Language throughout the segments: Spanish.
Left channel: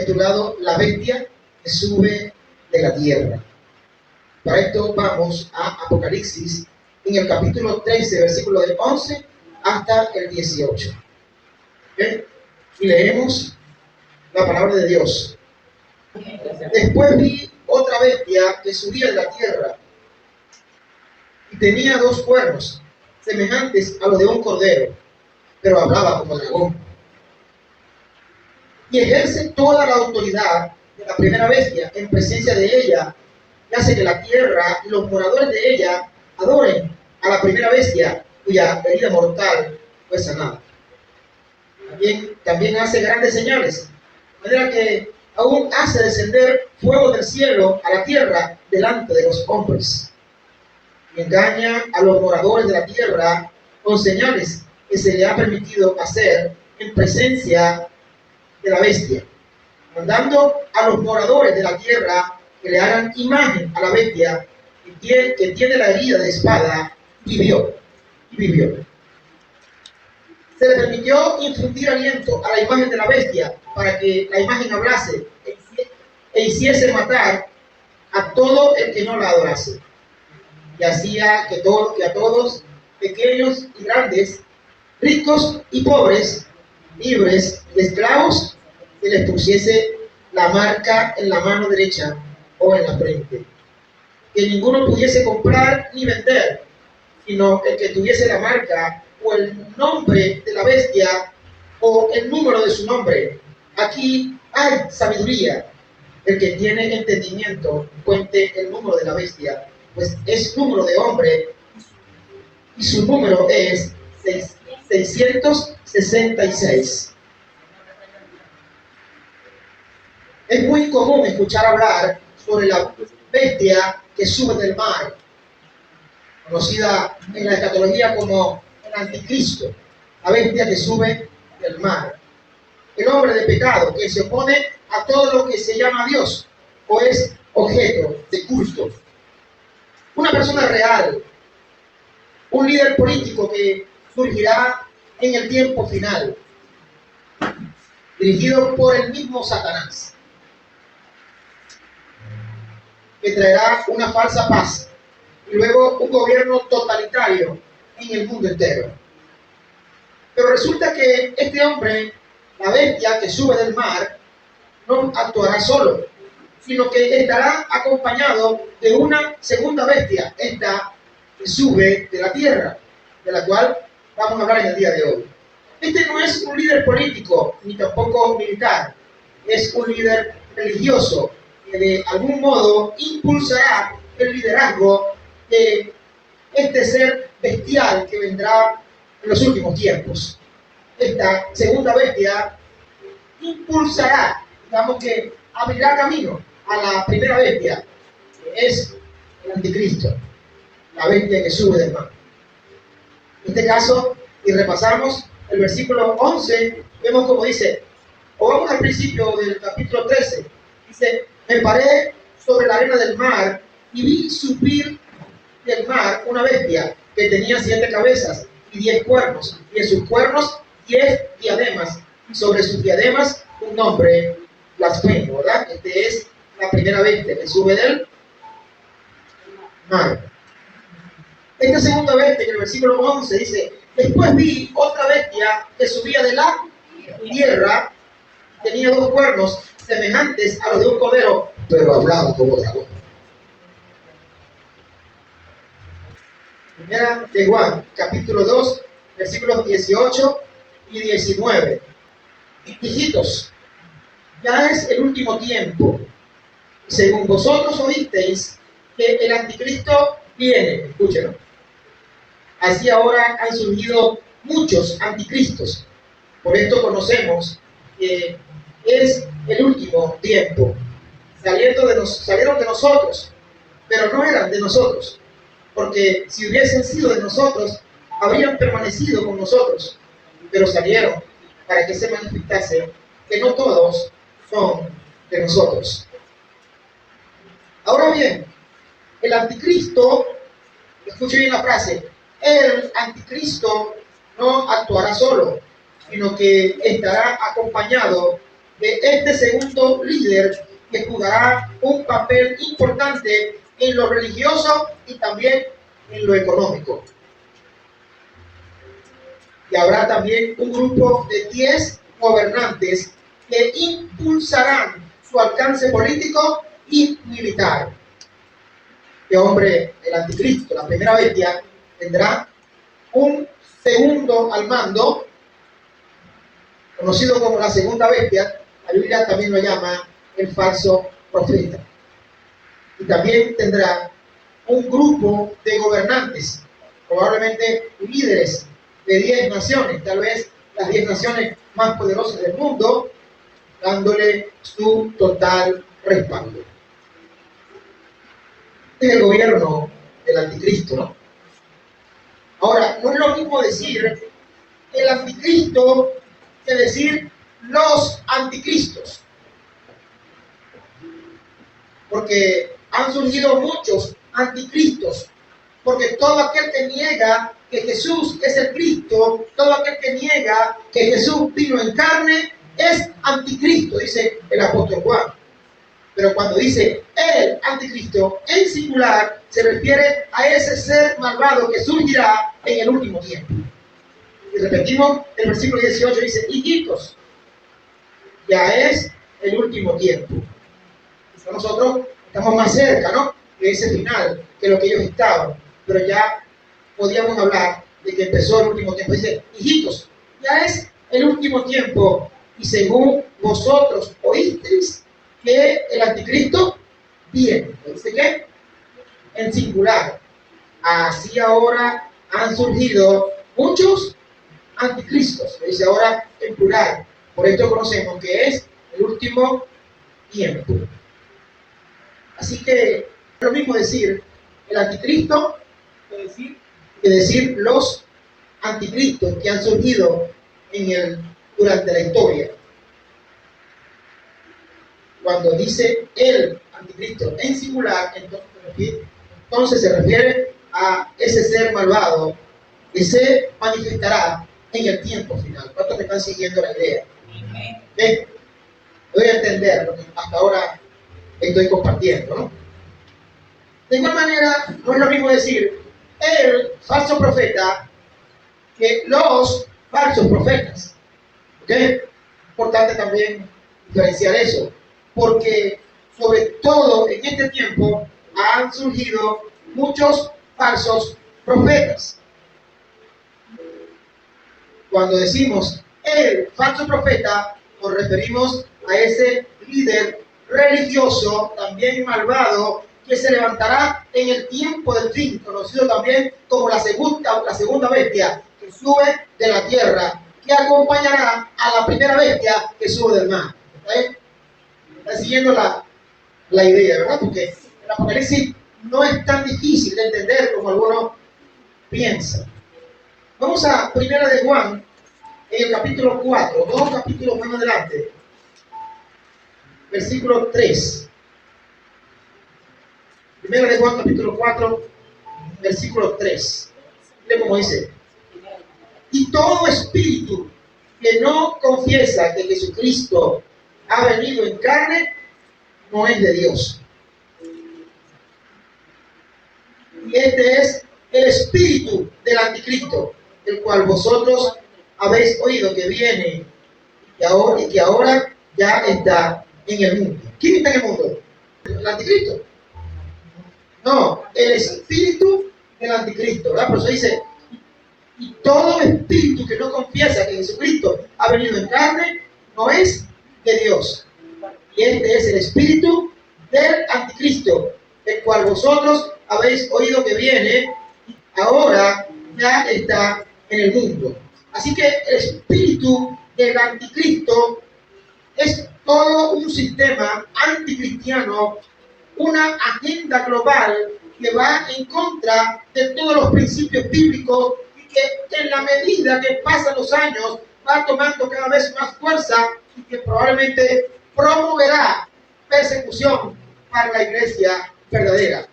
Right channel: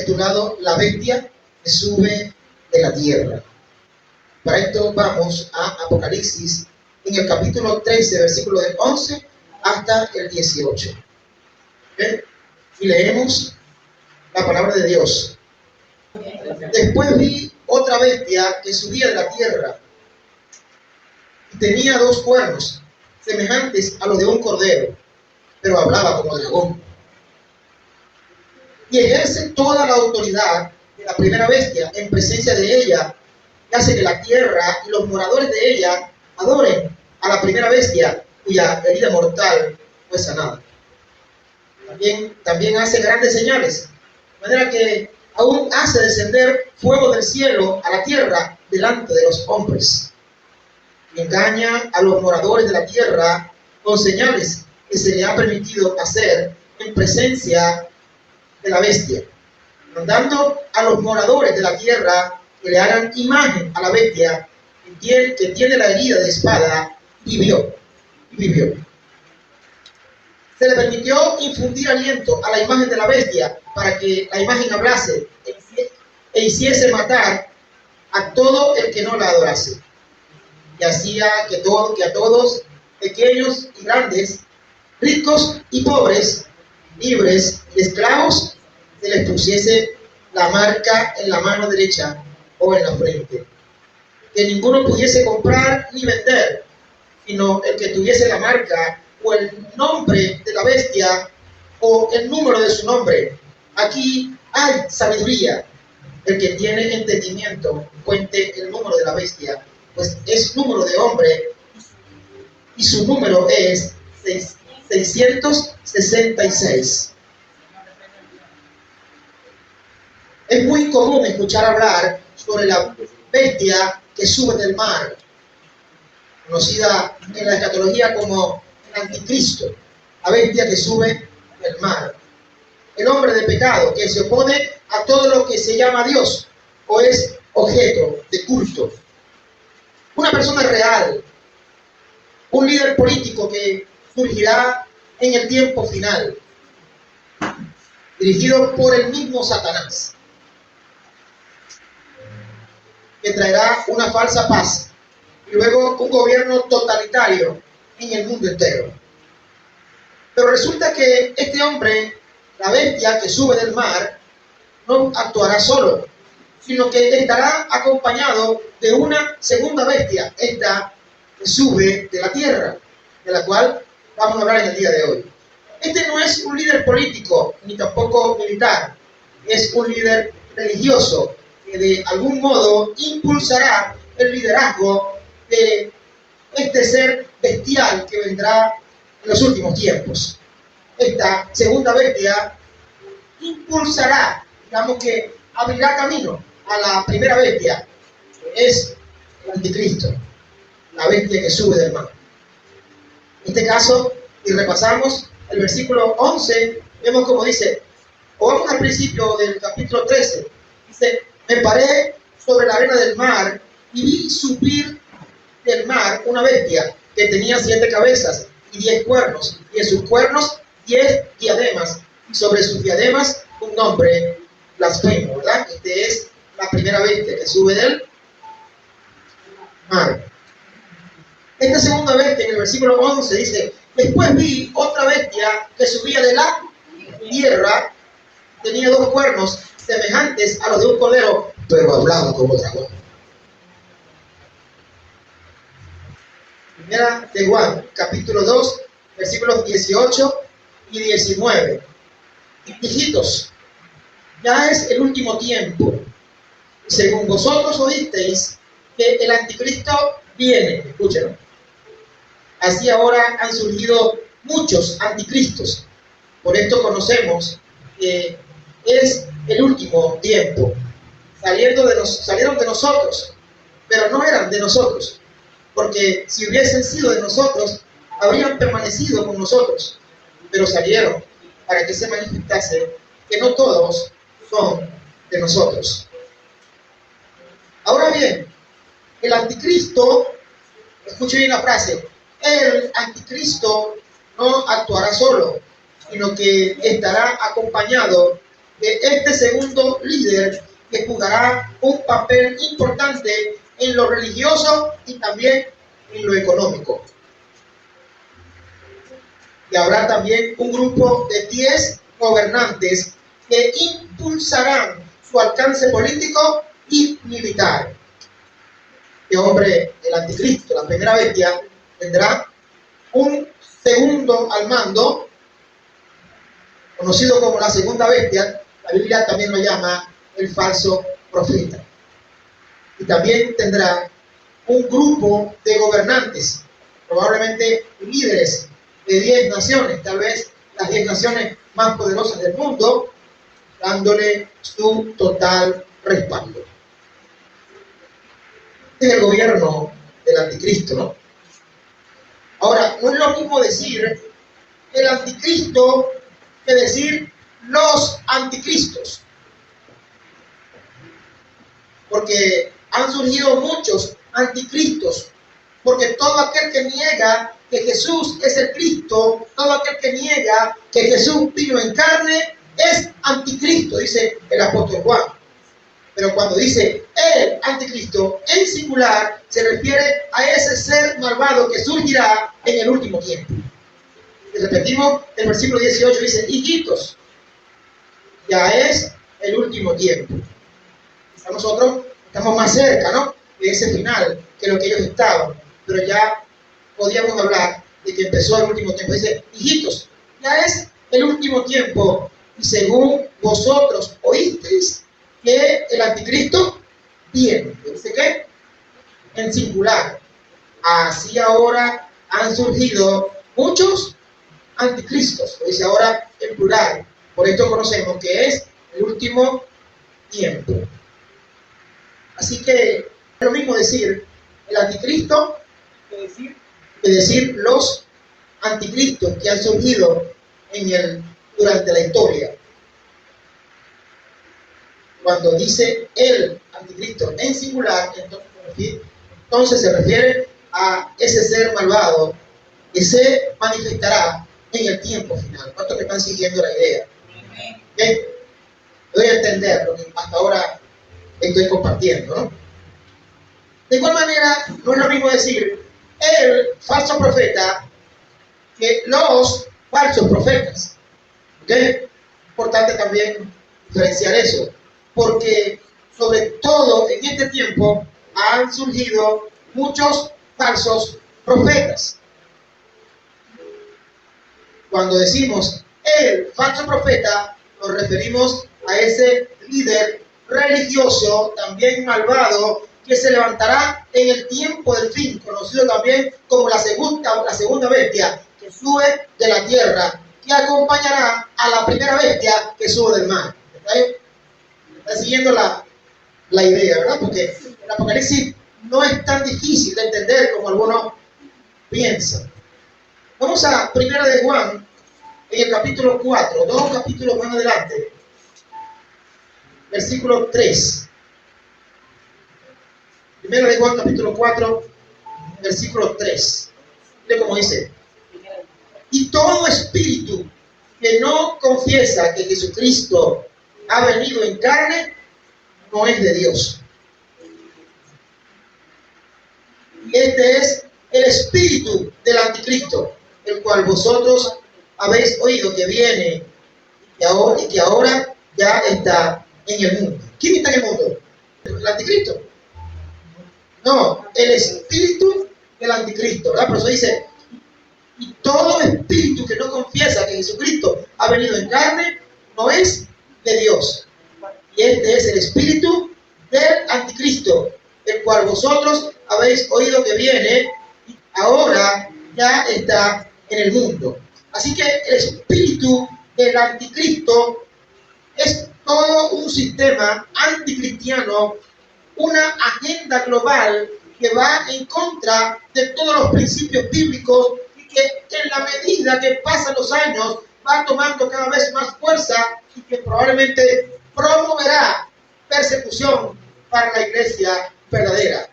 titulado La bestia que sube de la tierra. Para esto vamos a Apocalipsis en el capítulo 13, versículo del 11 hasta el 18. ¿Bien? Y leemos la palabra de Dios. Después vi otra bestia que subía de la tierra y tenía 2 cuernos semejantes a los de un cordero, pero hablaba como dragón. Y ejerce toda la autoridad de la primera bestia en presencia de ella, y hace que la tierra y los moradores de ella adoren a la primera bestia, cuya herida mortal fue sanada. También hace grandes señales, de manera que aún hace descender fuego del cielo a la tierra delante de los hombres. Y engaña a los moradores de la tierra con señales que se le ha permitido hacer en presencia de la bestia, mandando a los moradores de la tierra que le hagan imagen a la bestia que tiene la herida de espada y vivió. Se le permitió infundir aliento a la imagen de la bestia para que la imagen hablase e hiciese matar a todo el que no la adorase. Y hacía que a todos, pequeños y grandes, ricos y pobres, libres y esclavos, se les pusiese la marca en la mano derecha o en la frente. Que ninguno pudiese comprar ni vender, sino el que tuviese la marca o el nombre de la bestia o el número de su nombre. Aquí hay sabiduría. El que tiene entendimiento cuente el número de la bestia, pues es número de hombre y su número es 666. Es muy común escuchar hablar sobre la bestia que sube del mar, conocida en la escatología como el anticristo, la bestia que sube del mar. El hombre de pecado que se opone a todo lo que se llama Dios o es objeto de culto. Una persona real, un líder político que surgirá en el tiempo final, dirigido por el mismo Satanás, que traerá una falsa paz y luego un gobierno totalitario en el mundo entero. Pero resulta que este hombre, la bestia que sube del mar, no actuará solo, sino que estará acompañado de una segunda bestia, esta que sube de la tierra, de la cual vamos a hablar en el día de hoy. Este no es un líder político, ni tampoco militar, es un líder religioso, que de algún modo impulsará el liderazgo de este ser bestial que vendrá en los últimos tiempos. Esta segunda bestia impulsará, digamos que abrirá camino a la primera bestia, que es el anticristo, la bestia que sube del mar. En este caso, y repasamos el versículo 11, vemos como dice, o vamos al principio del capítulo 13, dice: me paré sobre la arena del mar y vi subir del mar una bestia que tenía 7 cabezas y 10 cuernos, y en sus cuernos 10 diademas, y sobre sus diademas un nombre blasfemo, ¿verdad? Este es la primera bestia que sube del mar. Esta segunda bestia, en el versículo 11, dice: después vi otra bestia que subía de la tierra, tenía 2 cuernos semejantes a los de un cordero, pero hablaba como dragón. Primera de Juan, capítulo 2, versículos 18 y 19. Hijitos, ya es el último tiempo. Según vosotros oísteis que el anticristo viene, escúchenlo. Así ahora han surgido muchos anticristos. Por esto conocemos que es el último tiempo. Salieron de nosotros, pero no eran de nosotros, porque si hubiesen sido de nosotros, habrían permanecido con nosotros, pero salieron para que se manifestase que no todos son de nosotros. Ahora bien, el anticristo, escuche bien la frase, el anticristo no actuará solo, sino que estará acompañado de este segundo líder que jugará un papel importante en lo religioso y también en lo económico. Y habrá también un grupo de 10 gobernantes que impulsarán su alcance político y militar. Este hombre, el anticristo, la primera bestia, tendrá un segundo al mando, conocido como la segunda bestia. La Biblia también lo llama el falso profeta. Y también tendrá un grupo de gobernantes, probablemente líderes de 10 naciones, tal vez las 10 naciones más poderosas del mundo, dándole su total respaldo. Este es el gobierno del anticristo, ¿no? Ahora, no es lo mismo decir el anticristo que decir los anticristos, porque han surgido muchos anticristos, porque todo aquel que niega que Jesús es el Cristo, todo aquel que niega que Jesús vino en carne, es anticristo, dice el apóstol Juan. Pero cuando dice el anticristo en singular, se refiere a ese ser malvado que surgirá en el último tiempo. Y repetimos, el versículo 18 dice: hijitos, ya es el último tiempo. Quizá nosotros estamos más cerca, ¿no?, de ese final que lo que ellos estaban, pero ya podíamos hablar de que empezó el último tiempo. Dice: hijitos, ya es el último tiempo, y según vosotros oísteis que el anticristo viene. ¿Dice qué? En singular. Así ahora han surgido muchos anticristos. Dice ahora en plural. Por esto conocemos que es el último tiempo. Así que es lo mismo decir el anticristo que decir los anticristos que han surgido durante la historia. Cuando dice el anticristo en singular, entonces se refiere a ese ser malvado que se manifestará en el tiempo final. ¿Cuántos me están siguiendo la idea? ¿Okay? Doy a entender lo que hasta ahora estoy compartiendo, ¿no? De igual manera, no es lo mismo decir el falso profeta que los falsos profetas. ¿Ok? Importante también diferenciar eso, porque sobre todo en este tiempo han surgido muchos falsos profetas. Cuando decimos el falso profeta, nos referimos a ese líder religioso, también malvado, que se levantará en el tiempo del fin, conocido también como la segunda bestia, que sube de la tierra, que acompañará a la primera bestia que sube del mar. ¿Está siguiendo la idea, verdad? Porque el Apocalipsis no es tan difícil de entender como algunos piensan. Vamos a Primera de Juan, en el capítulo 4, 2 capítulos más adelante, versículo 3. Primera de Juan, capítulo 4, versículo 3. Mire cómo dice: y todo espíritu que no confiesa que Jesucristo ha venido en carne, no es de Dios. Y este es el espíritu del anticristo, el cual vosotros habéis oído que viene y que ahora ya está en el mundo. ¿Quién está en el mundo? ¿El anticristo? No, el espíritu del anticristo, ¿verdad? Por eso dice: y todo espíritu que no confiesa que Jesucristo ha venido en carne, no es de Dios. Y este es el espíritu del anticristo, el cual vosotros habéis oído que viene y ahora ya está en el mundo. Así que el espíritu del anticristo es todo un sistema anticristiano, una agenda global que va en contra de todos los principios bíblicos y que en la medida que pasan los años va tomando cada vez más fuerza y que probablemente promoverá persecución para la iglesia verdadera.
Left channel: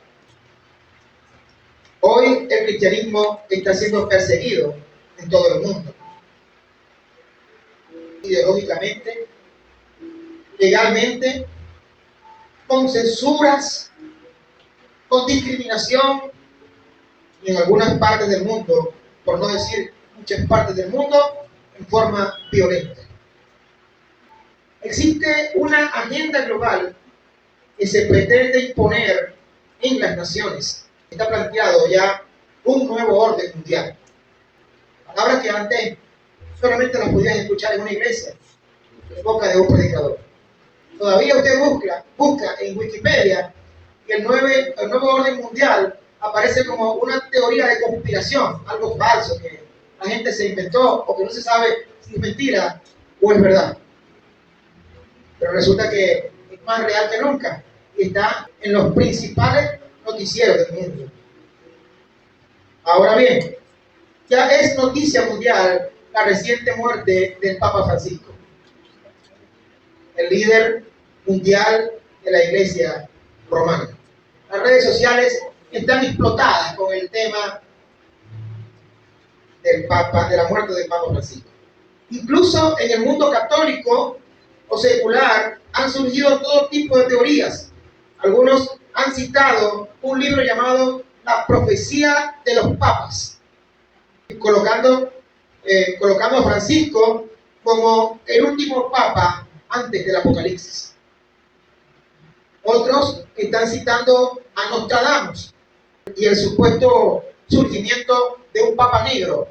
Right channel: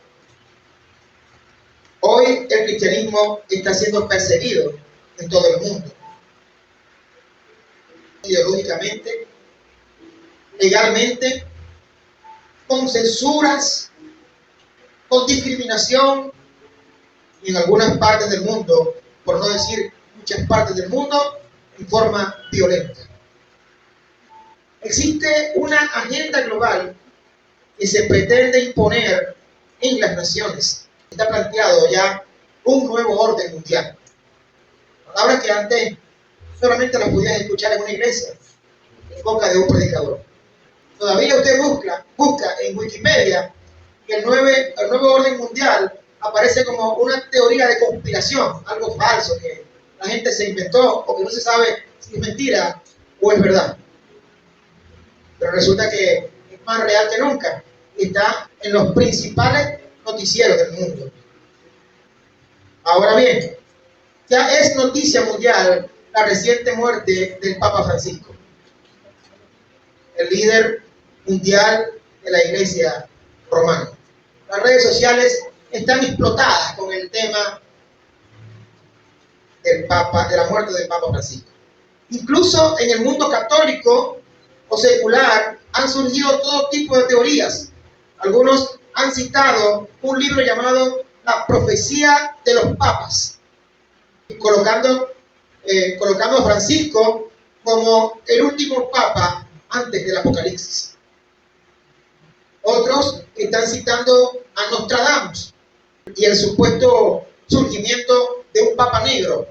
Hoy el cristianismo está siendo perseguido en todo el mundo, ideológicamente, legalmente, con censuras, con discriminación y en algunas partes del mundo, por no decir muchas partes del mundo, en forma violenta. Existe una agenda global que se pretende imponer en las naciones. Está planteado ya un nuevo orden mundial. Palabras que antes solamente las podías escuchar en una iglesia, en boca de un predicador. Todavía usted busca en Wikipedia y el nuevo orden mundial aparece como una teoría de conspiración, algo falso que la gente se inventó o que no se sabe si es mentira o es verdad. Pero resulta que es más real que nunca y está en los principales noticieros del mundo. Ahora bien, ya es noticia mundial la reciente muerte del Papa Francisco, el líder mundial de la Iglesia romana. Las redes sociales están explotadas con el tema del Papa, de la muerte del Papa Francisco. Incluso en el mundo católico o secular han surgido todo tipo de teorías. Algunos han citado un libro llamado La profecía de los papas, colocando a Francisco como el último papa antes del Apocalipsis. Otros están citando a Nostradamus y el supuesto surgimiento de un papa negro,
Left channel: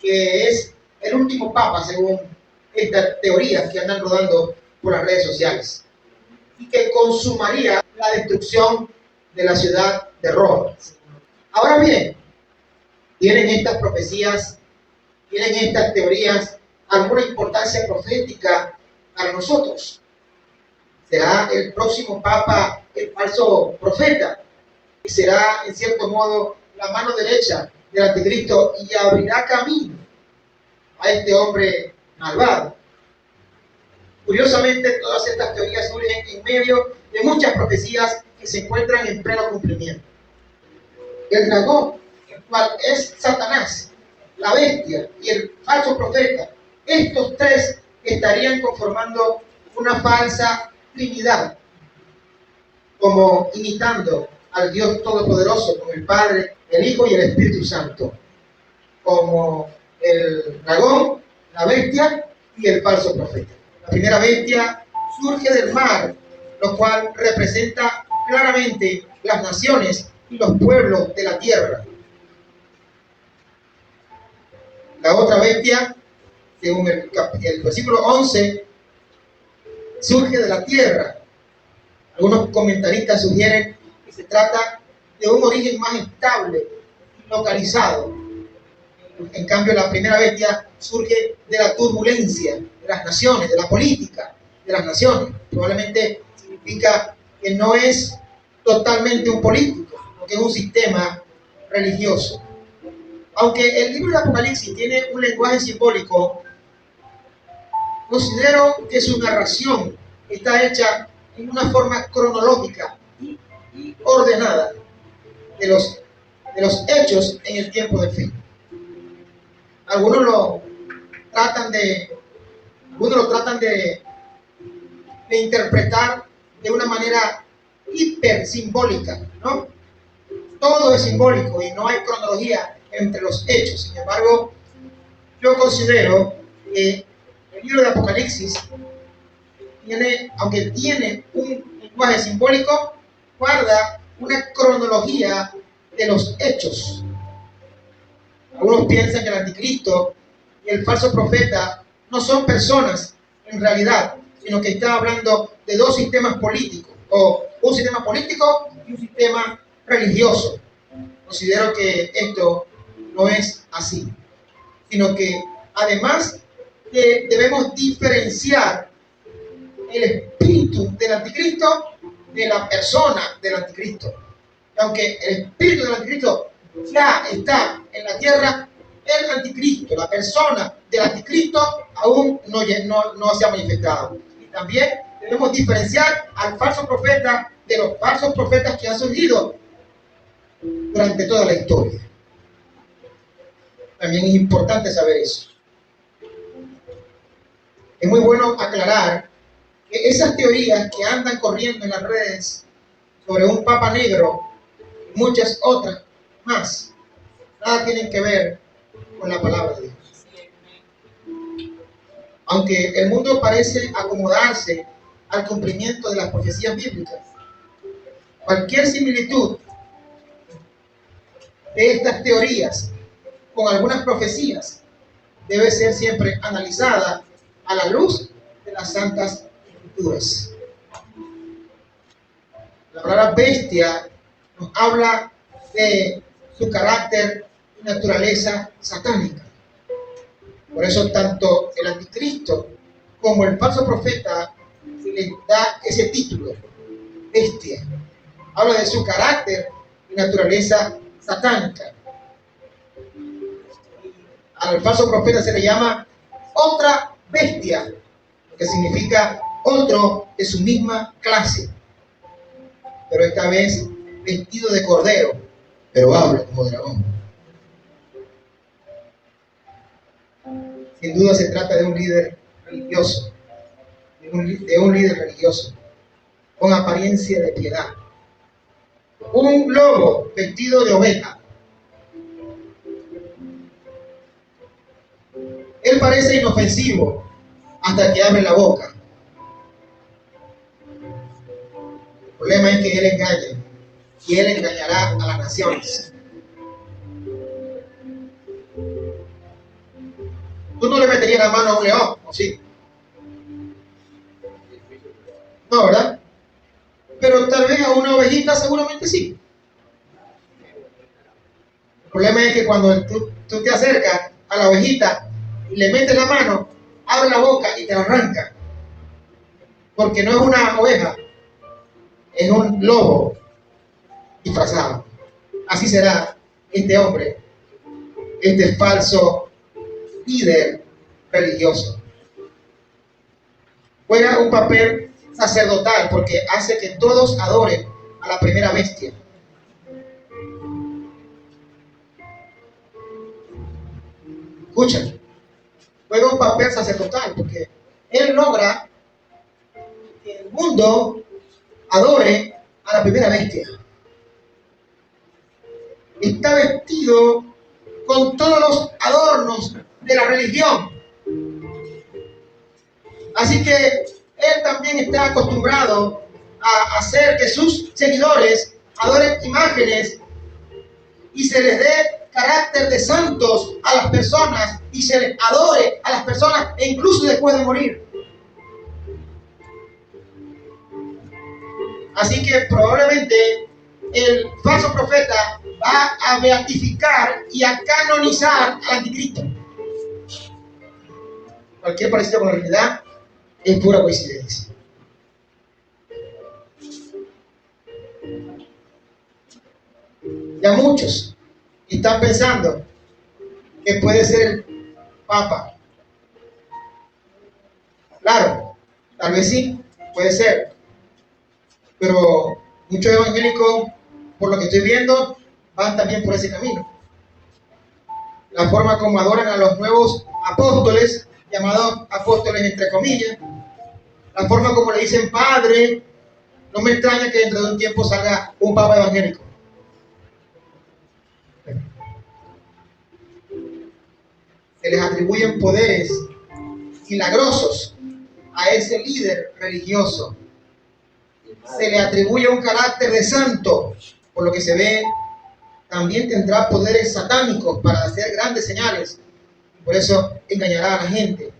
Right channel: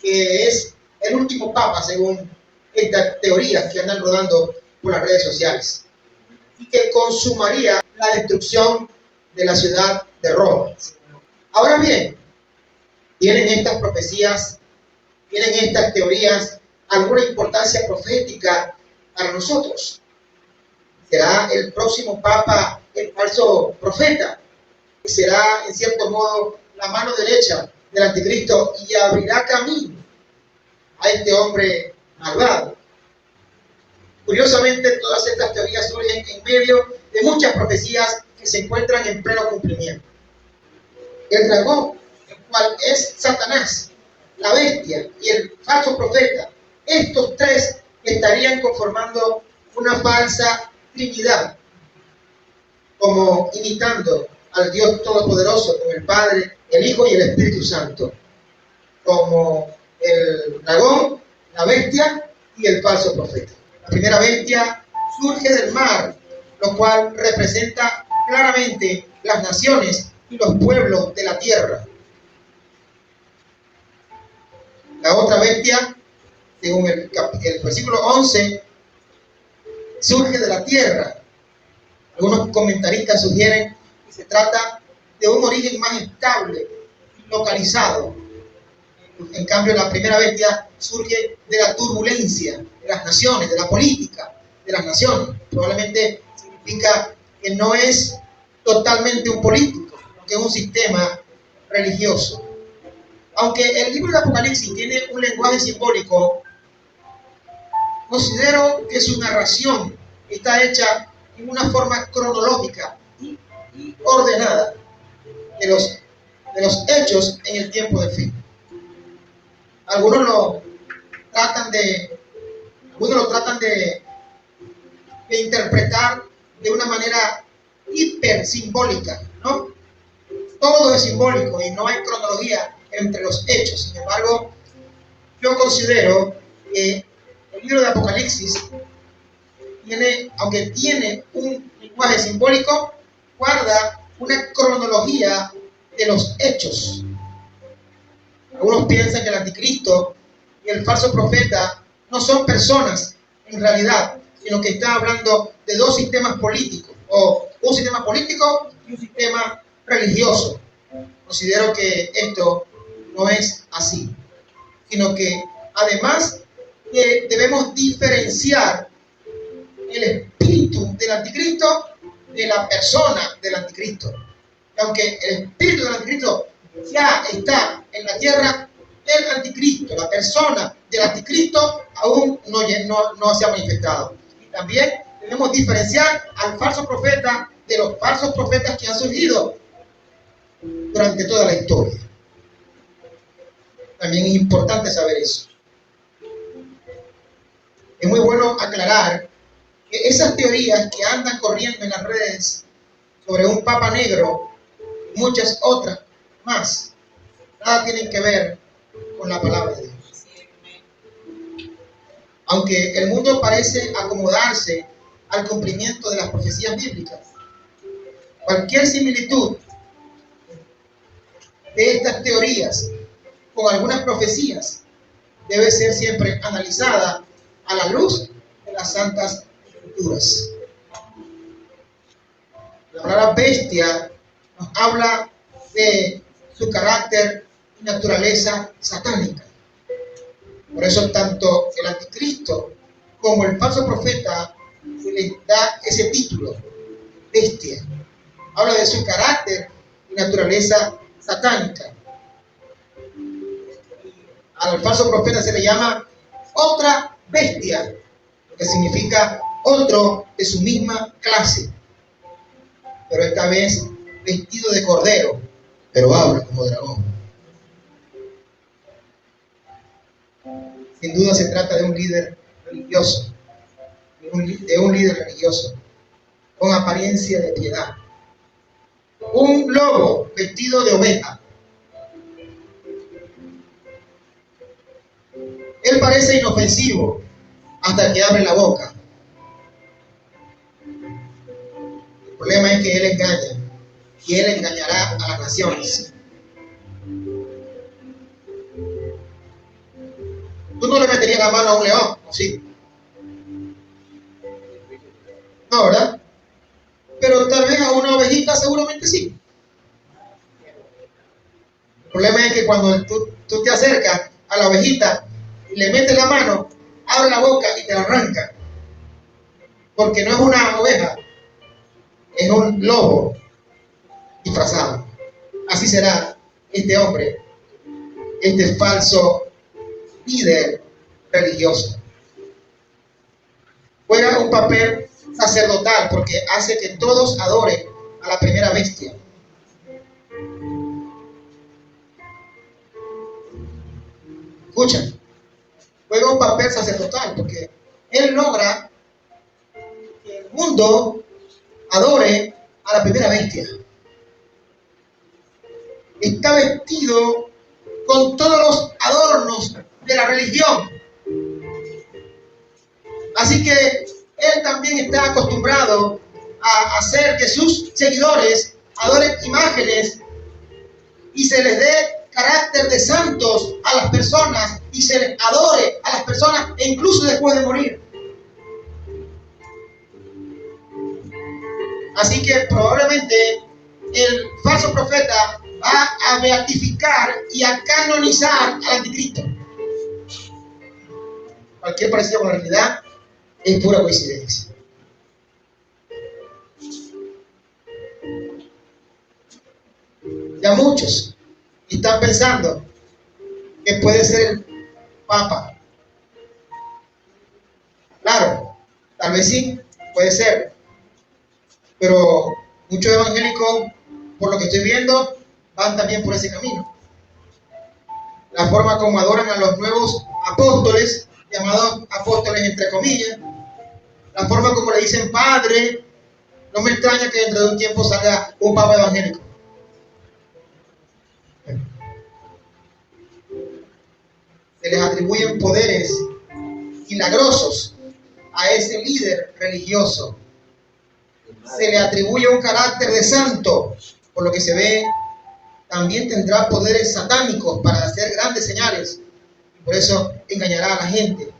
que es el último papa según estas teorías que andan rodando por las redes sociales, y que consumaría la destrucción de la ciudad de Roma. Ahora bien, ¿tienen estas profecías, tienen estas teorías alguna importancia profética para nosotros? ¿Será el próximo papa el falso profeta? ¿Será en cierto modo la mano derecha del anticristo y abrirá camino a este hombre malvado? Curiosamente, todas estas teorías surgen en medio de muchas profecías que se encuentran en pleno cumplimiento. El dragón, el cual es Satanás, la bestia y el falso profeta, estos tres estarían conformando una falsa trinidad, como imitando al Dios Todopoderoso con el Padre, el Hijo y el Espíritu Santo, como el dragón, la bestia y el falso profeta. La primera bestia surge del mar, lo cual representa claramente las naciones y los pueblos de la tierra. La otra bestia, según el versículo 11, surge de la tierra. Algunos comentaristas sugieren que se trata de un origen más estable, localizado. En cambio, la primera bestia surge de la turbulencia de las naciones, de la política de las naciones. Probablemente significa que no es totalmente un político, sino que es un sistema religioso. Aunque el libro de Apocalipsis tiene un lenguaje simbólico, considero que su narración está hecha en una forma cronológica y ordenada de los hechos en el tiempo de fe. Algunos lo tratan de interpretar de una manera hiper simbólica, ¿no? Todo es simbólico y no hay cronología entre los hechos. Sin embargo, yo considero que el libro de Apocalipsis aunque tiene un lenguaje simbólico, guarda una cronología de los hechos. Algunos piensan que el anticristo y el falso profeta no son personas en realidad, sino que está hablando de dos sistemas políticos, o un sistema político y un sistema religioso. Considero que esto no es así, sino que además debemos diferenciar el espíritu del anticristo de la persona del anticristo. Y aunque el espíritu del anticristo ya está en la tierra, el anticristo, la persona del anticristo, aún no se ha manifestado. Y también debemos diferenciar al falso profeta de los falsos profetas que han surgido durante toda la historia. También es importante saber eso. Es muy bueno aclarar que esas teorías que andan corriendo en las redes sobre un papa negro y muchas otras más, nada tienen que ver con la palabra de Dios. Aunque el mundo parece acomodarse al cumplimiento de las profecías bíblicas, cualquier similitud de estas teorías con algunas profecías debe ser siempre analizada a la luz de las santas escrituras. La palabra bestia nos habla de su carácter y naturaleza satánica. Por eso tanto el anticristo como el falso profeta se les da ese título, bestia. Habla de su carácter y naturaleza satánica. Al falso profeta se le llama otra bestia, lo que significa otro de su misma clase, pero esta vez vestido de cordero, pero habla como dragón. Sin duda se trata de un líder religioso, de un líder religioso, con apariencia de piedad. Un lobo vestido de oveja. Él parece inofensivo hasta que abre la boca. El problema es que él engaña y él engañará a las naciones. Tú no le meterías la mano a un león, ¿o sí? No, ¿verdad? Pero tal vez a una ovejita seguramente sí. El problema es que cuando tú te acercas a la ovejita y le metes la mano, abre la boca y te la arranca. Porque no es una oveja, es un lobo disfrazado. Así será este hombre, este falso líder religioso. Juega un papel sacerdotal porque hace que todos adoren a la primera bestia. Escuchen, juega un papel sacerdotal porque él logra que el mundo adore a la primera bestia. Está vestido con todos los adornos de la religión. Así que él también está acostumbrado a hacer que sus seguidores adoren imágenes y se les dé carácter de santos a las personas y se les adore a las personas e incluso después de morir. Así que probablemente el falso profeta va a beatificar y a canonizar al anticristo. Cualquier parecido con la realidad es pura coincidencia. Ya muchos están pensando que puede ser el Papa. Claro, tal vez sí, puede ser. Pero muchos evangélicos, por lo que estoy viendo, van también por ese camino. La forma como adoran a los nuevos apóstoles, llamados apóstoles entre comillas, la forma como le dicen padre, no me extraña que dentro de un tiempo salga un papa evangélico. Se les atribuyen poderes milagrosos a ese líder religioso. Se le atribuye un carácter de santo, por lo que se ve, también tendrá poderes satánicos para hacer grandes señales. Por eso engañará a la gente.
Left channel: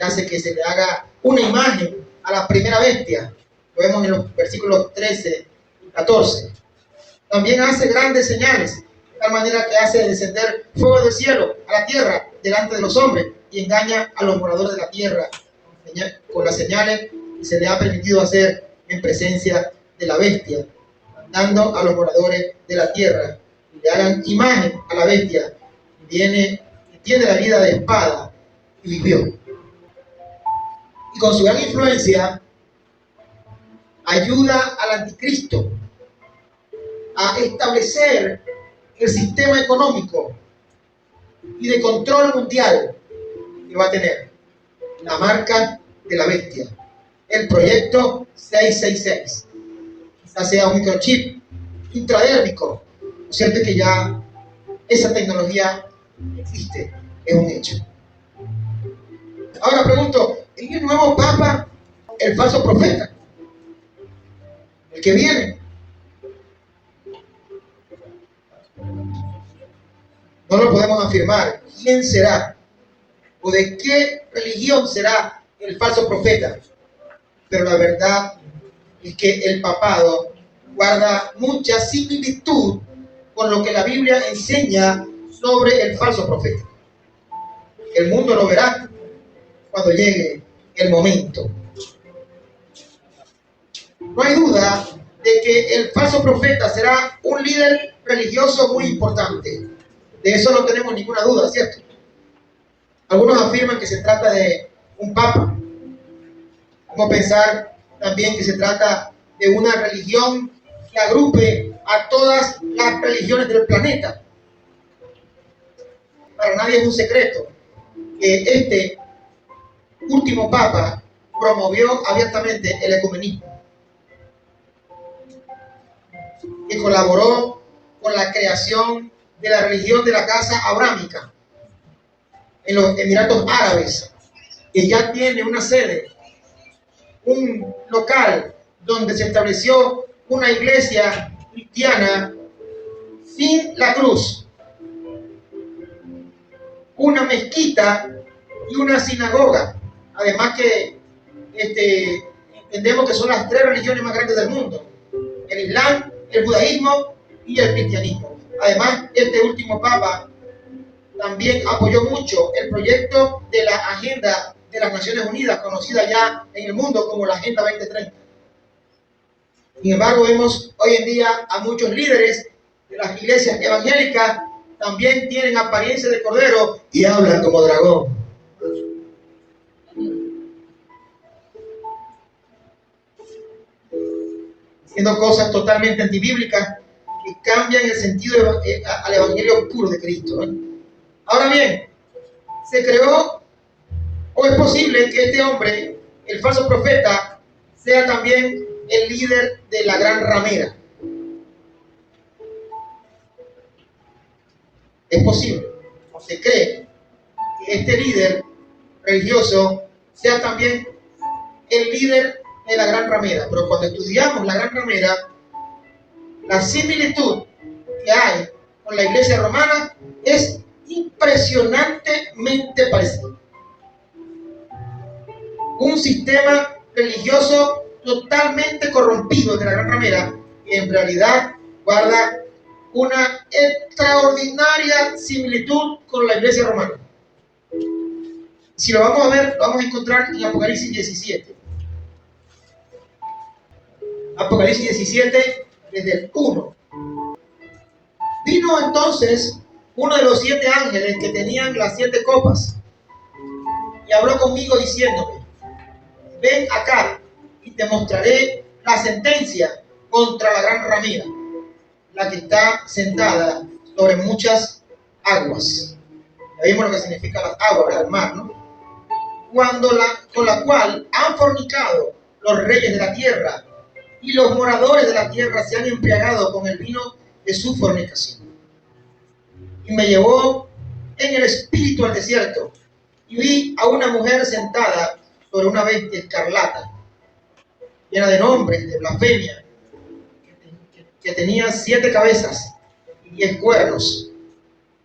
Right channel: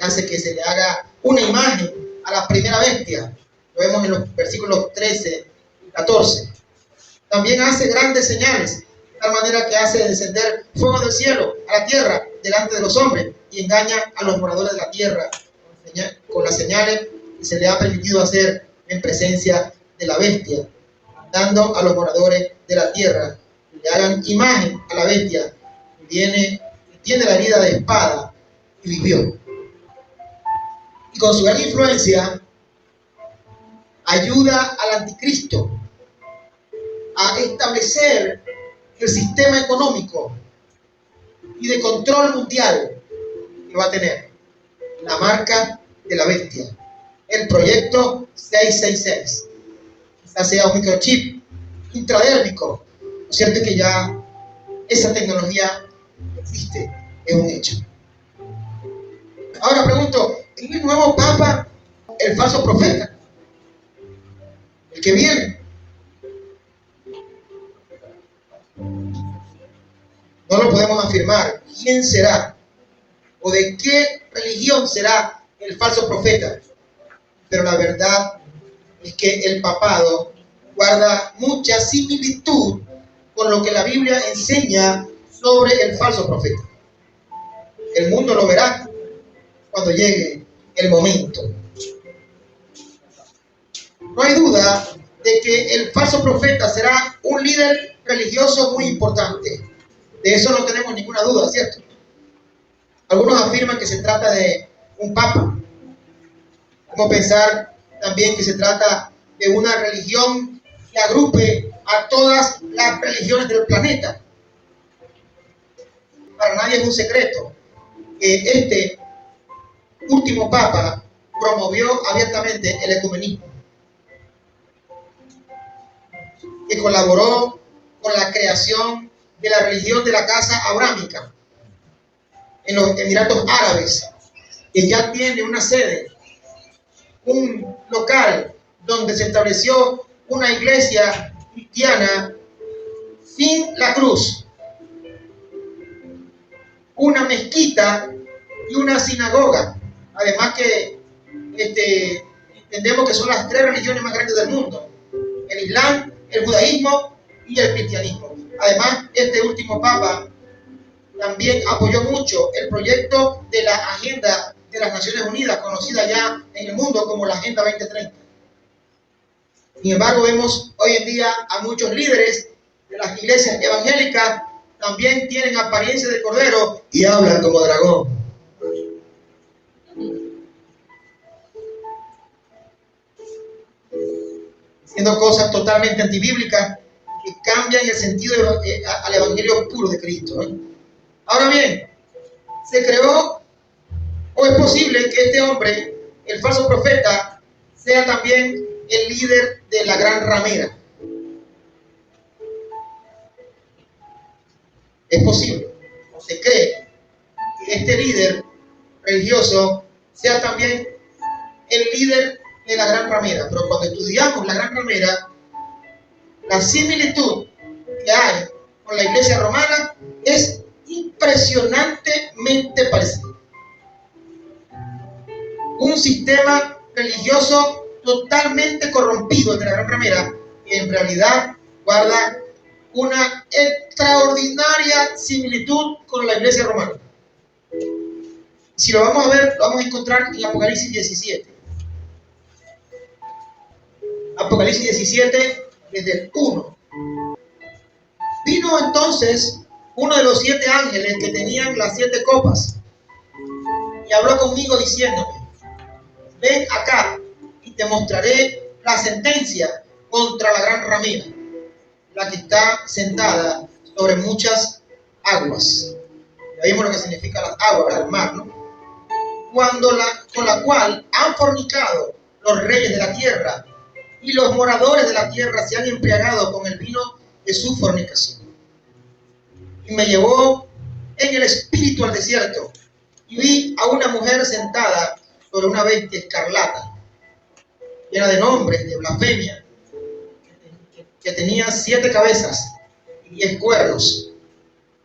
Hace que se le haga una imagen a la primera bestia. Lo vemos en los versículos 13 y 14. También hace grandes señales, de tal manera que hace descender fuego del cielo a la tierra delante de los hombres y engaña a los moradores de la tierra con las señales que se le ha permitido hacer en presencia de la bestia, mandando a los moradores de la tierra que le hagan imagen a la bestia que tiene la herida de espada y vivió. Y con su gran influencia ayuda al anticristo a establecer el sistema económico y de control mundial que va a tener la marca de la bestia. el proyecto 666. Quizás sea un microchip intradérmico. Lo cierto es que ya esa tecnología existe, es un hecho. Ahora pregunto, ¿es el nuevo Papa el falso profeta? ¿El que viene? No lo podemos afirmar. ¿Quién será? ¿O de qué religión será el falso profeta? Pero la verdad es que el papado guarda mucha similitud con lo que la Biblia enseña sobre el falso profeta. El mundo lo verá cuando llegue el momento. No hay duda de que el falso profeta será un líder religioso muy importante. De eso no tenemos ninguna duda, ¿cierto? Algunos afirman que se trata de un papa. Vamos a pensar también que se trata de una religión que agrupe a todas las religiones del planeta. Para nadie es un secreto que este último papa promovió abiertamente el ecumenismo, que colaboró con la creación de la religión de la casa abrámica en los Emiratos Árabes, que ya tiene una sede, un local donde se estableció una iglesia cristiana sin la cruz, una mezquita y una sinagoga. Además que entendemos que son las tres religiones más grandes del mundo: el Islam, el judaísmo y el cristianismo. Además, este último papa también apoyó mucho el proyecto de la Agenda de las Naciones Unidas, conocida ya en el mundo como la Agenda 2030. Sin embargo, vemos hoy en día a muchos líderes de las iglesias evangélicas también tienen apariencia de cordero y hablan como dragón. Haciendo cosas totalmente antibíblicas que cambian el sentido al evangelio puro de Cristo. Ahora bien, ¿se creó o es posible que este hombre, el falso profeta, sea también el líder de la gran ramera? Es posible, o se cree, que este líder religioso sea también el líder de la gran ramera. Pero cuando estudiamos la gran ramera, la similitud que hay con la iglesia romana es impresionantemente parecida. Un sistema religioso totalmente corrompido de la gran ramera, que en realidad guarda una extraordinaria similitud con la iglesia romana. Si lo vamos a ver, lo vamos a encontrar en Apocalipsis 17. Apocalipsis 17, desde el 1. Vino entonces uno de los 7 ángeles que tenían las 7 copas y habló conmigo diciéndome: ven acá y te mostraré la sentencia contra la gran ramera, la que está sentada sobre muchas aguas. Ya vimos lo que significa las aguas, el mar, ¿no? Con la cual han fornicado los reyes de la tierra, y los moradores de la tierra se han embriagado con el vino de su fornicación. Y me llevó en el espíritu al desierto, y vi a una mujer sentada sobre una bestia escarlata, llena de nombres, de blasfemia, que tenía 7 cabezas y 10 cuernos.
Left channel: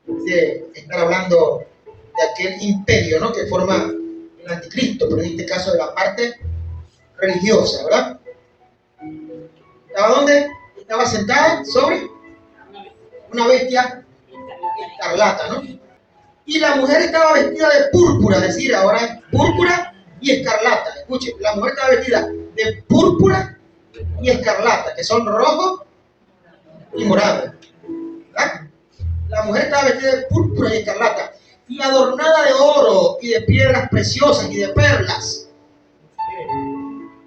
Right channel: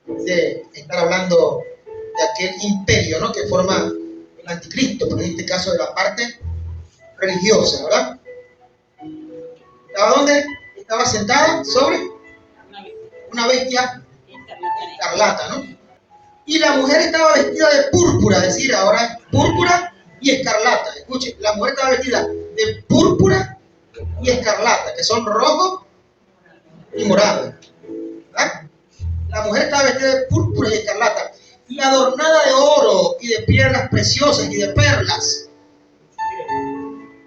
De estar hablando de aquel imperio, ¿no?, que forma el anticristo, pero en este caso de la parte religiosa, ¿verdad? ¿Estaba dónde? Estaba sentada sobre una bestia escarlata, ¿no? Y la mujer estaba vestida de púrpura, es decir, ahora es púrpura y escarlata. Escuche, la mujer estaba vestida de púrpura y escarlata, que son rojo y morado, ¿verdad? La mujer estaba vestida de púrpura y escarlata y adornada de oro y de piedras preciosas y de perlas.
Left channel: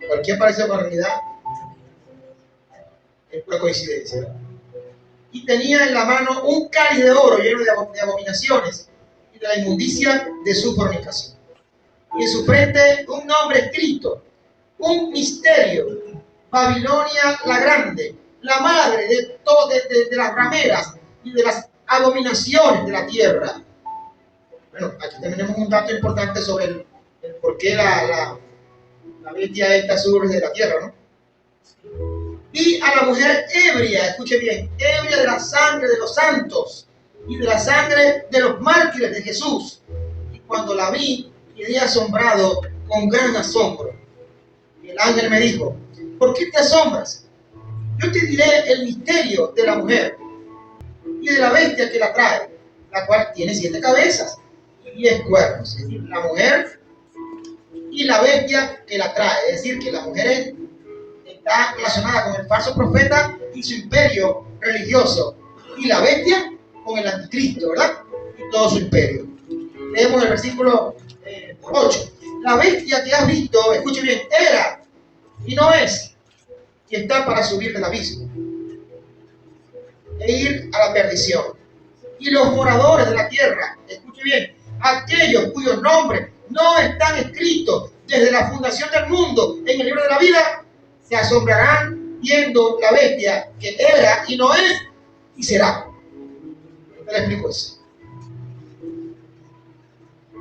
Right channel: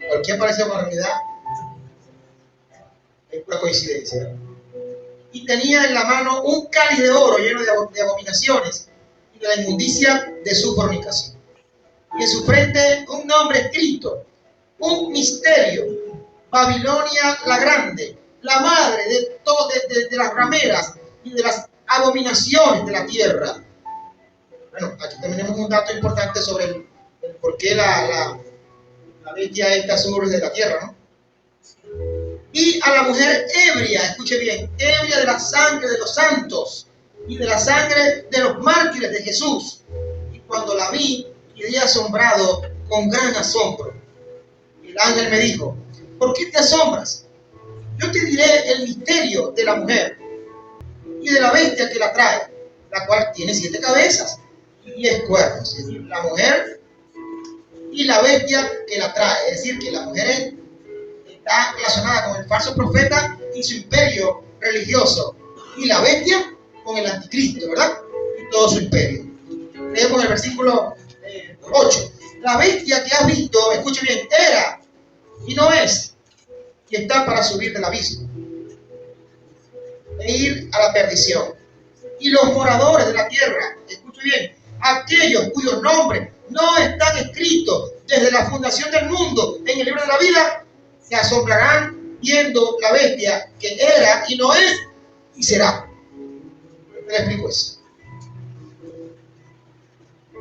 Cualquier parecido con la realidad es pura coincidencia, ¿no? Y tenía en la mano un cáliz de oro lleno de abominaciones y de la inmundicia de su fornicación. Y en su frente un nombre escrito, un misterio. Babilonia la grande, la madre de de las rameras y de las abominaciones de la tierra. Bueno, aquí tenemos un dato importante sobre el por qué la bestia esta surge de la tierra, ¿no? Vi a la mujer ebria, escuche bien, ebria de la sangre de los santos y de la sangre de los mártires de Jesús. Y cuando la vi, quedé asombrado con gran asombro. Y el ángel me dijo: ¿por qué te asombras? Yo te diré el misterio de la mujer y de la bestia que la trae, la cual tiene 7 cabezas y 10 cuernos. Es decir, la mujer y la bestia que la trae. Es decir, que la mujer está relacionada con el falso profeta y su imperio religioso, y la bestia con el anticristo, ¿verdad? Y todo su imperio. Leemos el versículo 8. La bestia que has visto, escuche bien, era y no es, y está para subir del abismo e ir a la perdición. Y los moradores de la tierra, escuche bien, aquellos cuyos nombres no están escritos desde la fundación del mundo en el libro de la vida, se asombrarán viendo la bestia que era y no es y será. ¿Qué le explico eso?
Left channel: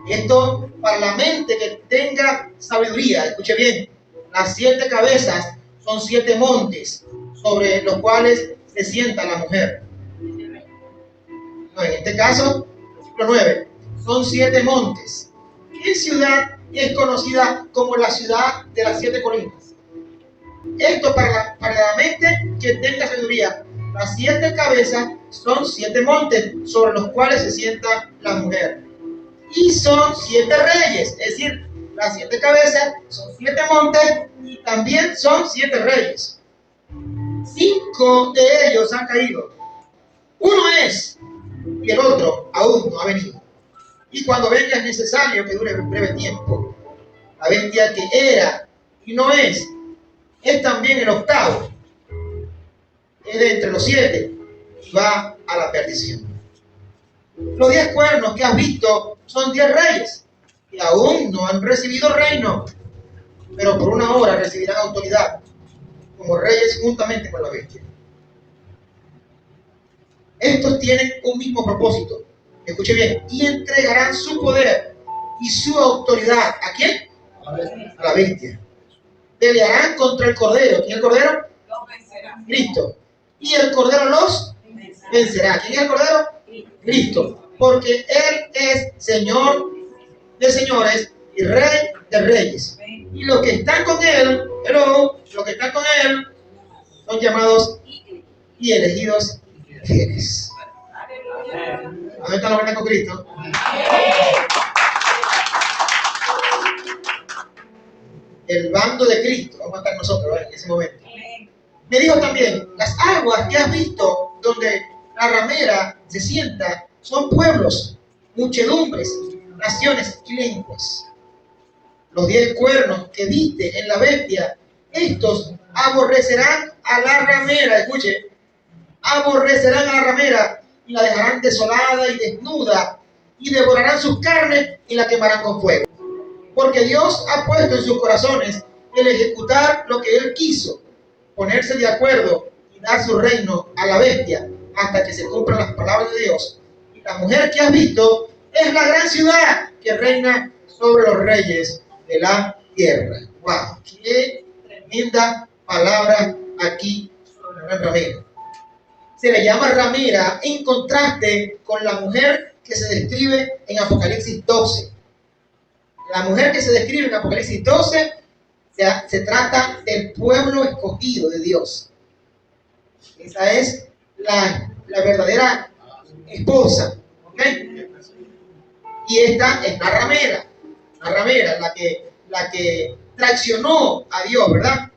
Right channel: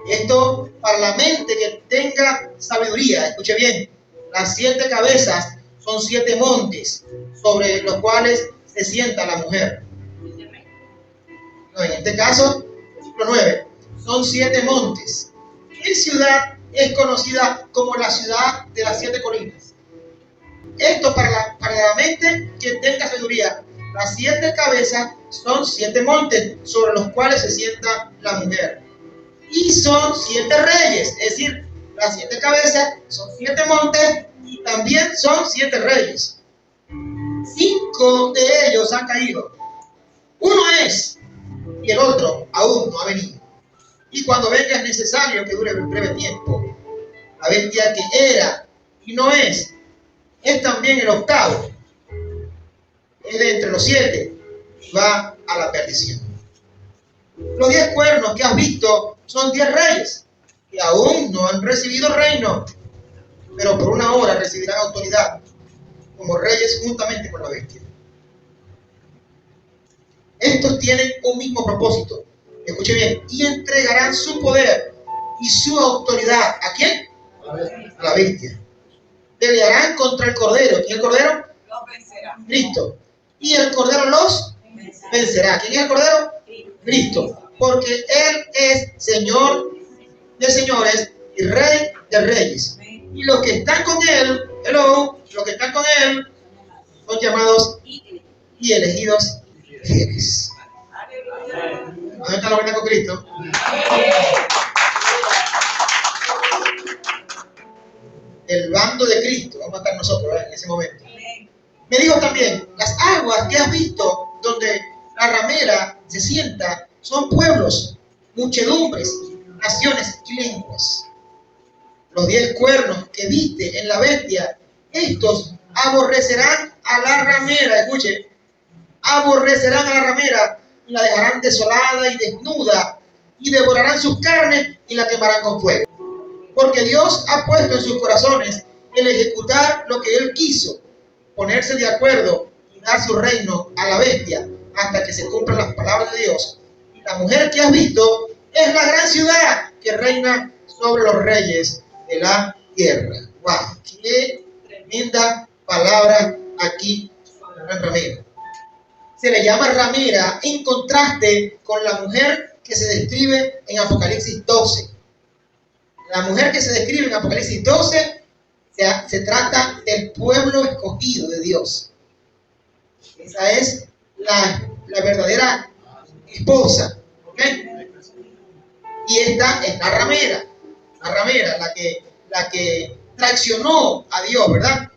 Esto para la mente que tenga sabiduría. Escuche bien, las 7 cabezas son 7 montes sobre los cuales se sienta la mujer. No, en este caso, versículo 9, son 7 montes. ¿Qué ciudad es conocida como la ciudad de las 7 colinas? Esto para la mente que tenga sabiduría. Las 7 cabezas son 7 montes sobre los cuales se sienta la mujer. Y son 7 reyes, es decir, las 7 cabezas son 7 montes y también son 7 reyes. 5 de ellos han caído. Uno es, y el otro aún no ha venido. Y cuando venga es necesario que dure un breve tiempo. La bestia que era y no es también el octavo. Es de entre los 7 y va a la perdición. Los 10 cuernos que has visto son 10 reyes que aún no han recibido reino, pero por una hora recibirán autoridad como reyes juntamente con la bestia. Estos tienen un mismo propósito. Escuche bien. Y entregarán su poder y su autoridad. ¿A quién? A la bestia. Pelearán contra el Cordero. ¿Quién es el Cordero? Los vencerá. Cristo. Y el Cordero los vencerá. ¿Quién es el Cordero? Cristo. Porque Él es Señor de señores y Rey de reyes. Y los que están con Él, los que están con Él son llamados y elegidos fieles. ¿Dónde está la verdad con Cristo? El bando de Cristo, vamos a estar nosotros, ¿verdad? En ese momento. Me dijo también, las aguas que has visto donde la ramera se sienta son pueblos, muchedumbres, naciones y lenguas. Los 10 cuernos que viste en la bestia, estos aborrecerán a la ramera, escuche, aborrecerán a la ramera y la dejarán desolada y desnuda y devorarán sus carnes y la quemarán con fuego. Porque Dios ha puesto en sus corazones el ejecutar lo que Él quiso, ponerse de acuerdo y dar su reino a la bestia hasta que se cumplan las palabras de Dios. Y la mujer que has visto es la gran ciudad que reina sobre los reyes de la tierra. ¡Wow! ¡Qué tremenda palabra aquí sobre la gran ramera! Se le llama ramera en contraste con la mujer que se describe en Apocalipsis 12. La mujer que se describe en Apocalipsis 12 se trata del pueblo escogido de Dios. Esa es la verdadera esposa. ¿Ok? Y esta es la ramera, la que traicionó a Dios, ¿verdad?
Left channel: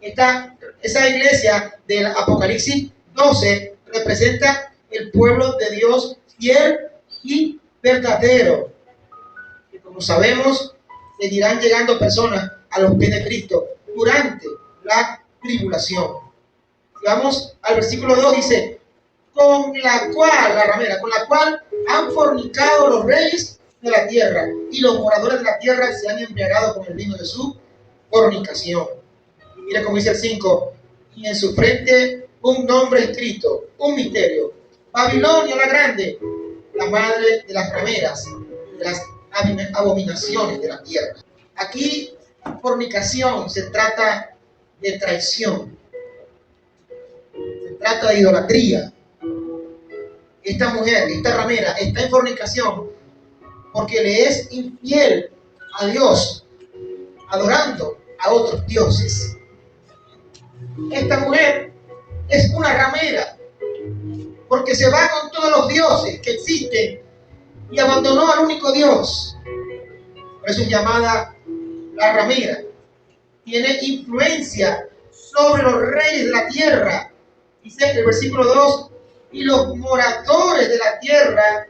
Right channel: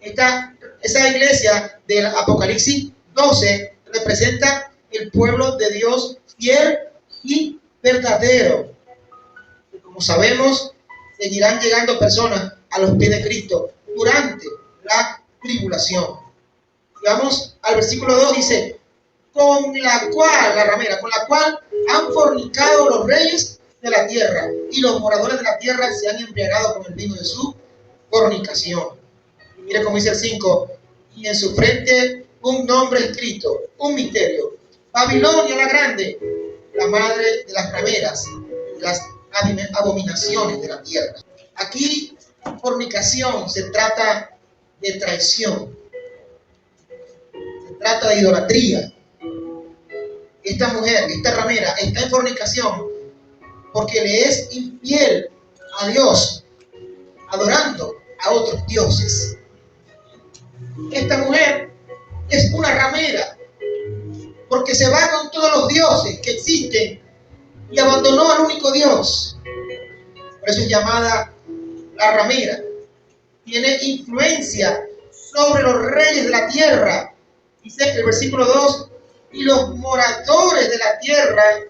Esa iglesia del Apocalipsis 12 representa el pueblo de Dios fiel y verdadero. Y como sabemos, seguirán llegando personas a los pies de Cristo durante la tribulación. Vamos al versículo 2, dice, con la cual han fornicado los reyes de la tierra y los moradores de la tierra se han embriagado con el vino de su fornicación. Y mira cómo dice el 5, y en su frente un nombre escrito, un misterio. Babilonia la grande, la madre de las rameras, de las abominaciones de la tierra. Aquí, fornicación se trata de traición, se trata de idolatría. Esta mujer, esta ramera, está en fornicación porque le es infiel a Dios, adorando a otros dioses. Esta mujer es una ramera porque se va con todos los dioses que existen y abandonó al único Dios. Por eso es llamada la ramera. Tiene influencia sobre los reyes de la tierra. Dice el versículo 2, y los moradores de la tierra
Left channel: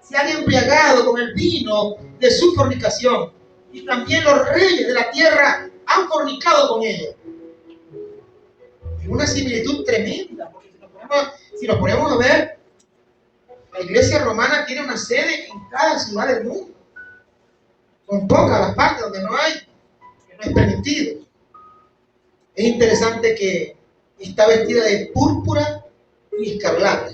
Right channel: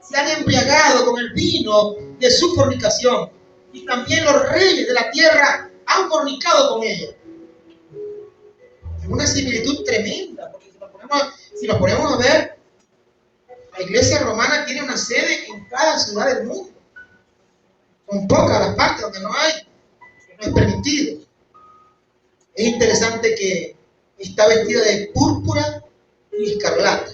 se han embriagado con el vino de su fornicación. Y también los reyes de la tierra han fornicado con ella. Es una similitud tremenda, porque si nos ponemos a ver, la iglesia romana tiene una sede en cada ciudad del mundo. Son pocas las partes donde no hay, que no es permitido. Es interesante que está vestida de púrpura y escarlata,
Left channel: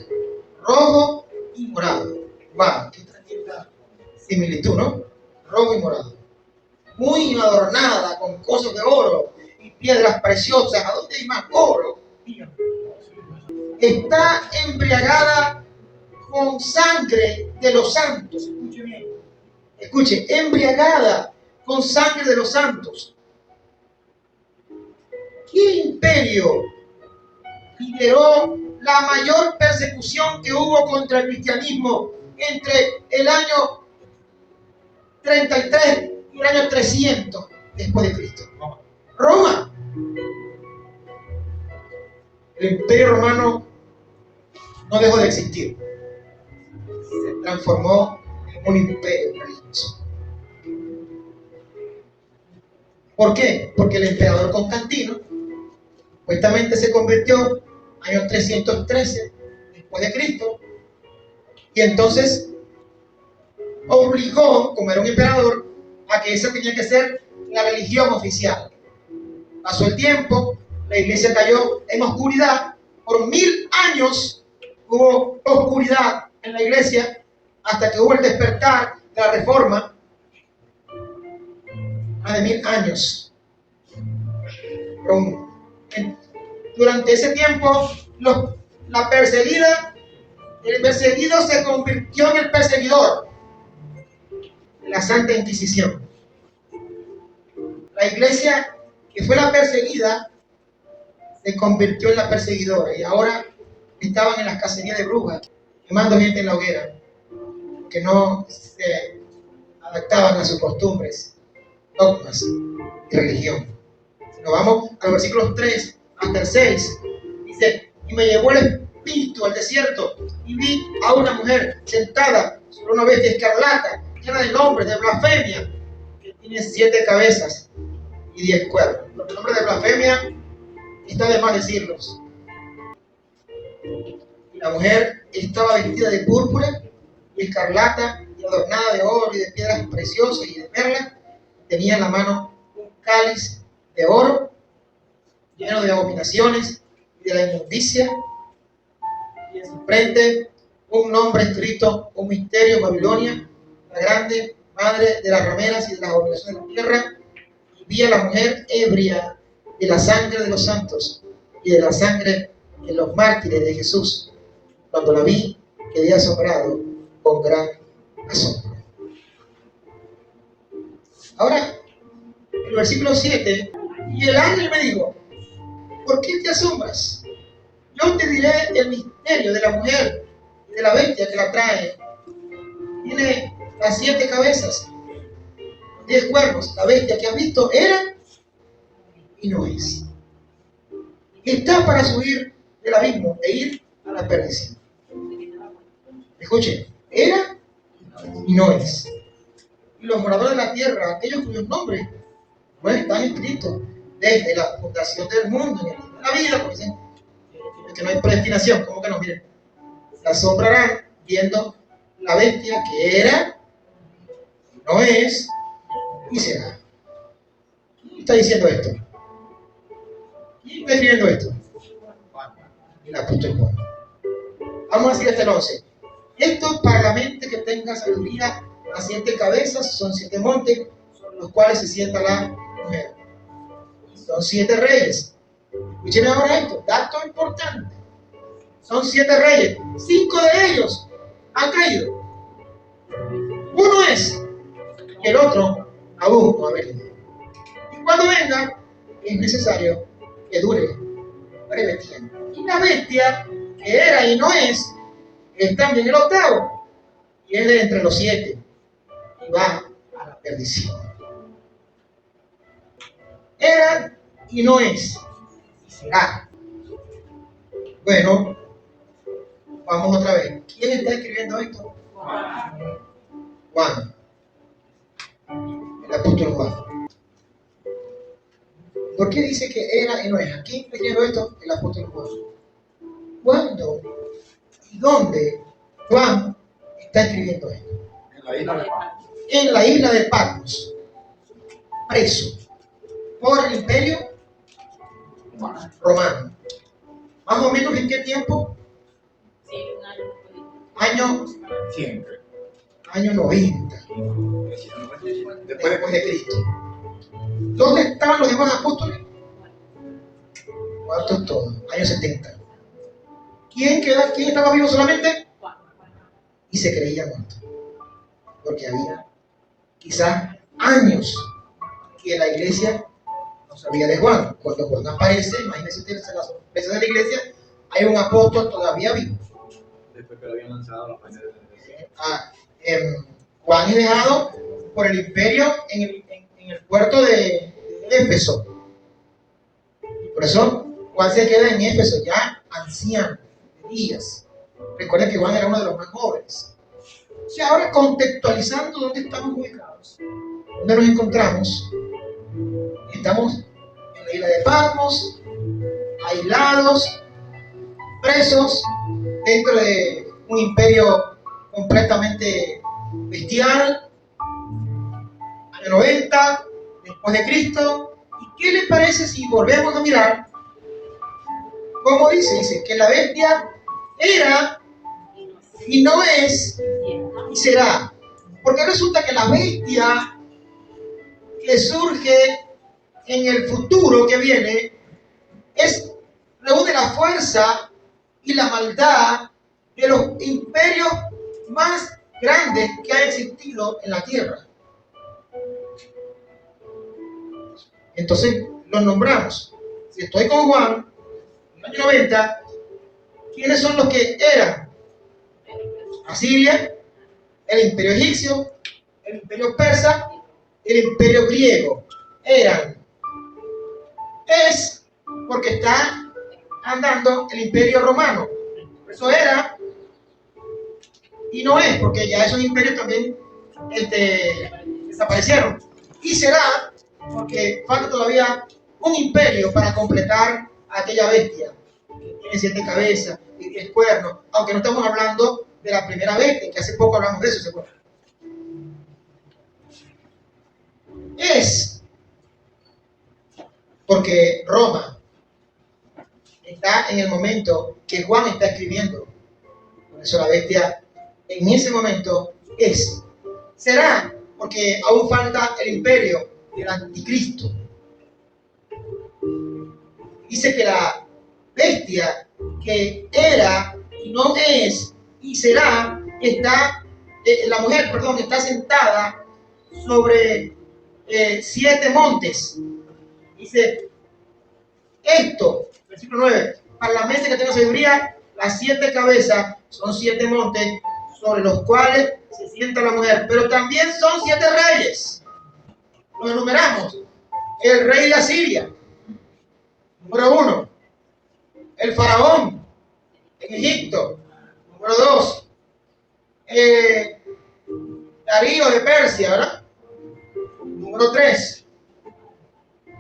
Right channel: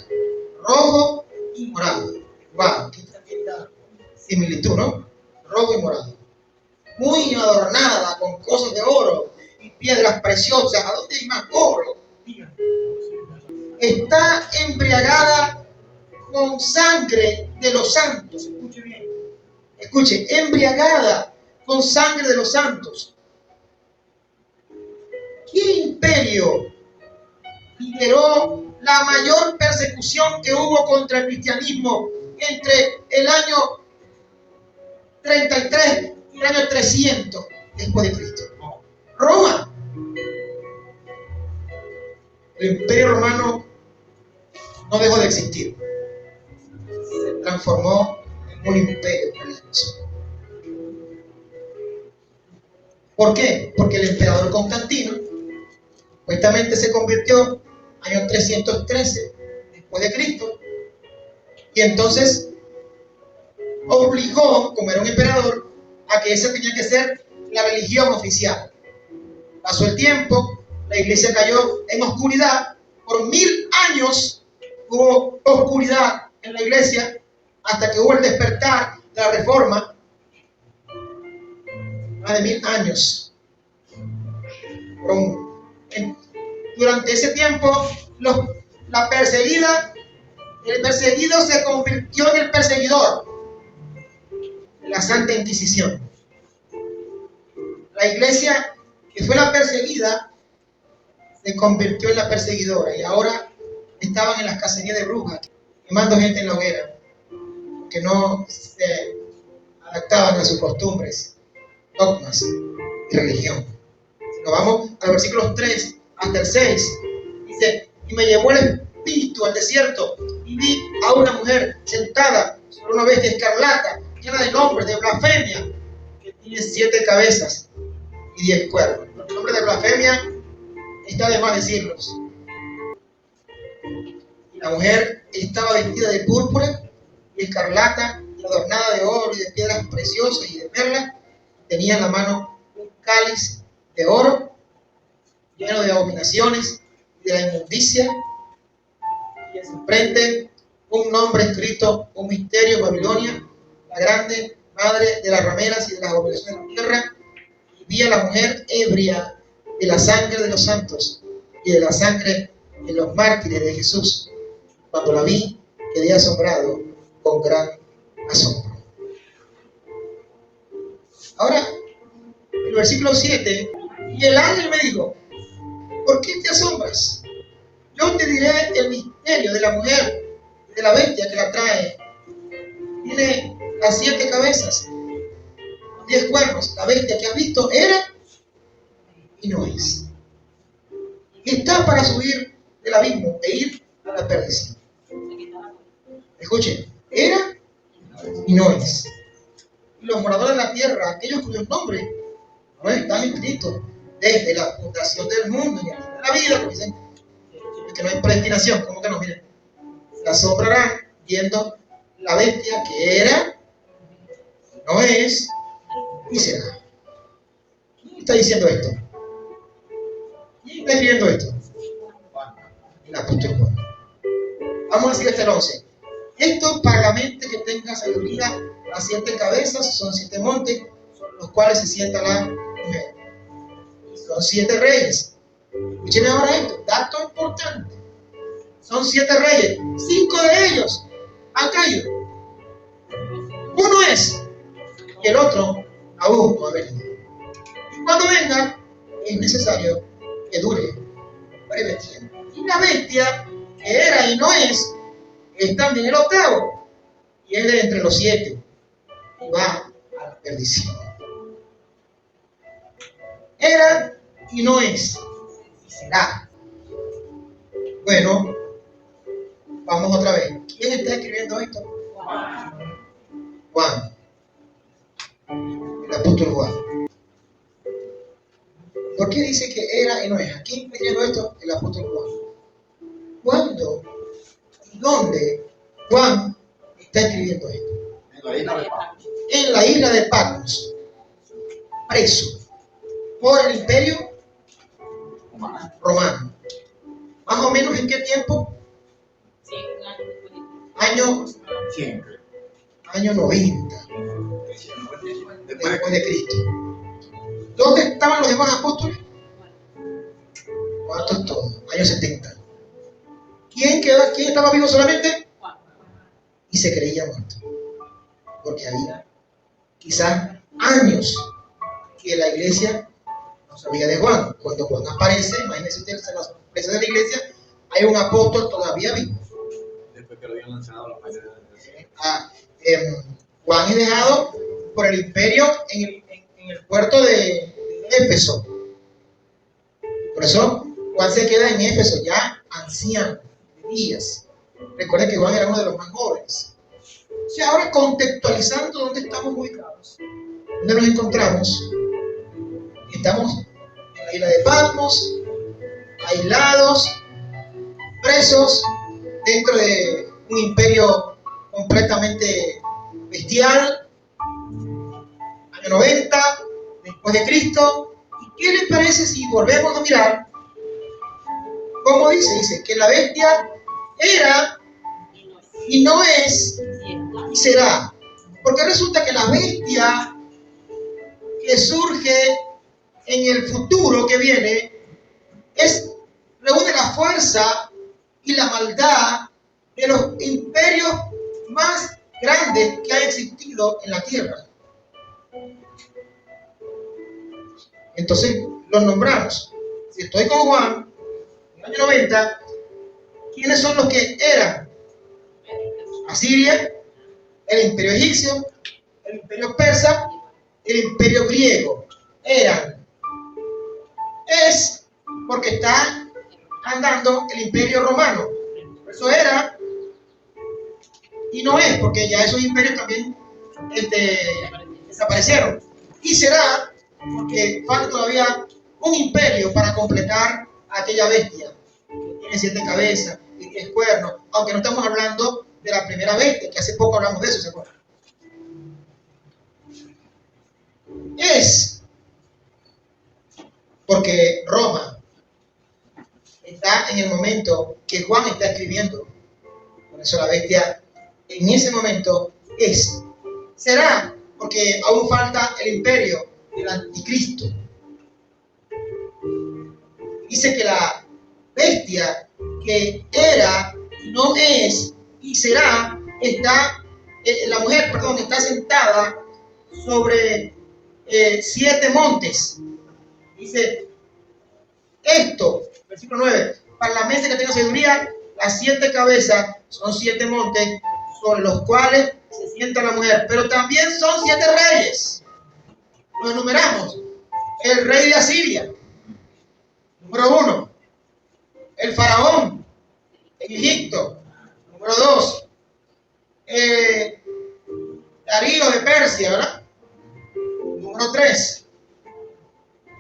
rojo y morado. ¡Wow! ¡Qué tremenda similitud!, ¿no? Rojo y morado. Muy adornada con cosas de oro y piedras preciosas. ¿A dónde hay más oro? Está embriagada con sangre de los santos. Escuche bien. Escuche, embriagada con sangre de los santos. ¿Qué imperio lideró la mayor persecución que hubo contra el cristianismo entre el año 33 y el año 300 después de Cristo? Roma. El imperio romano no dejó de existir. Se transformó en un imperio religioso. ¿Por qué? Porque el emperador Constantino supuestamente se convirtió año 313 después de Cristo, y entonces obligó, como era un emperador, a que esa tenía que ser la religión oficial. Pasó el tiempo, la iglesia cayó en oscuridad. Por 1000 años hubo oscuridad en la iglesia, hasta que hubo el despertar de la reforma. Más de 1000 años. Durante ese tiempo, el perseguido se convirtió en el perseguidor. La Santa Inquisición. La iglesia que fue la perseguida se convirtió en la perseguidora, y ahora estaban en las cacerías de brujas, quemando gente en la hoguera, que no se adaptaban a sus costumbres, dogmas y religión. Si nos vamos a los versículos 3 hasta el 6, dice, y me llevó el espíritu al desierto, y vi a una mujer sentada sobre una bestia escarlata, llena de nombres de blasfemia, que tiene 7 cabezas y 10 cuernos. Los nombres de blasfemia está de más decirlos. Y la mujer estaba vestida de púrpura y escarlata, y adornada de oro y de piedras preciosas y de perlas. Tenía en la mano un cáliz de oro lleno de abominaciones y de la inmundicia, y en su frente un nombre escrito, un misterio, Babilonia, la grande, madre de las rameras y de las abominaciones de la tierra. Y vi a la mujer ebria de la sangre de los santos y de la sangre de los mártires de Jesús. Cuando la vi, quedé asombrado con gran asombro. Ahora, el versículo 7, y el ángel me dijo, ¿por qué te asombras? Yo te diré el misterio de la mujer y de la bestia que la trae. Tiene las 7 cabezas, 10 cuernos. La bestia que has visto era y no es. Y está para subir del abismo e ir a la perdición. Escuchen, era y no es. Y los moradores de la tierra, aquellos cuyos nombres no están escritos desde la fundación del mundo y de la vida, porque dicen que no hay predestinación, como que no, miren, se asombrarán viendo la bestia que era, no es y será. está diciendo esto? ¿Quién está escribiendo esto? El apóstol Juan. Vamos a seguir hasta el 11. Esto para la mente que tenga sabiduría, las 7 cabezas son 7 montes, sobre los cuales se sienta la mujer. Son 7 reyes. Escúcheme ahora esto, dato importante. Son 7 reyes, 5 de ellos han caído. Uno es, y el otro aún no ha venido. Y cuando venga, es necesario que dure breve tiempo. Y la bestia que era y no es también el octavo, y es de entre los 7, y va a la perdición. Era y no es, y será. Bueno, vamos otra vez. ¿Quién está escribiendo esto? Juan. El apóstol Juan. ¿Por qué dice que era y no es? ¿A quién está escribiendo esto? El apóstol Juan. ¿Cuándo y dónde Juan está escribiendo esto? En la isla de Patmos. En la isla de Patmos, preso por el imperio romano. Más o menos en qué tiempo? Año 90 después de Cristo. ¿Dónde estaban los demás apóstoles? Muertos todos, año 70. ¿Quién estaba vivo solamente? Y se creía muerto, porque había quizás años que la iglesia no sabía de Juan. Cuando Juan aparece, imagínense ustedes la sorpresa de la iglesia, hay un apóstol todavía vivo. Después que lo habían lanzado a los países de Juan es dejado por el imperio en el puerto de Éfeso. Por eso Juan se queda en Éfeso, ya anciano, de días. Recuerden que Juan era uno de los más jóvenes. Y ahora contextualizando dónde estamos ubicados, dónde nos encontramos. Estamos en la isla de Patmos, aislados, presos, dentro de un imperio completamente bestial, año 90, después de Cristo. ¿Y qué les parece si volvemos a mirar cómo dice? Dice que la bestia era y no es y será. Porque resulta que la bestia que surge en el futuro que viene reúne la fuerza y la maldad de los imperios más grandes que han existido en la tierra. Entonces los nombramos. Si estoy con Juan, en el año 90, ¿quiénes son los que eran? Asiria, el imperio egipcio, el imperio persa, el imperio griego. Eran. Es porque está andando el imperio romano. Por eso era y no es, porque ya esos imperios también desaparecieron. Y será porque falta todavía un imperio para completar aquella bestia que tiene 7 cabezas y 10 cuernos, aunque no estamos hablando de la primera bestia, que hace poco hablamos de eso, ¿se acuerdan? Es porque Roma está en el momento que Juan está escribiendo. Por eso la bestia en ese momento es. Será porque aún falta el imperio del anticristo. Dice que la bestia que era y no es y será, la mujer, está sentada sobre 7 montes. Dice esto, versículo 9, para la mente que tenga sabiduría, las 7 cabezas son 7 montes sobre los cuales se sienta la mujer, pero también son 7 reyes. Los enumeramos. El rey de Asiria, número 1. El faraón en Egipto, número 2. Darío de Persia, ¿verdad? Número 3.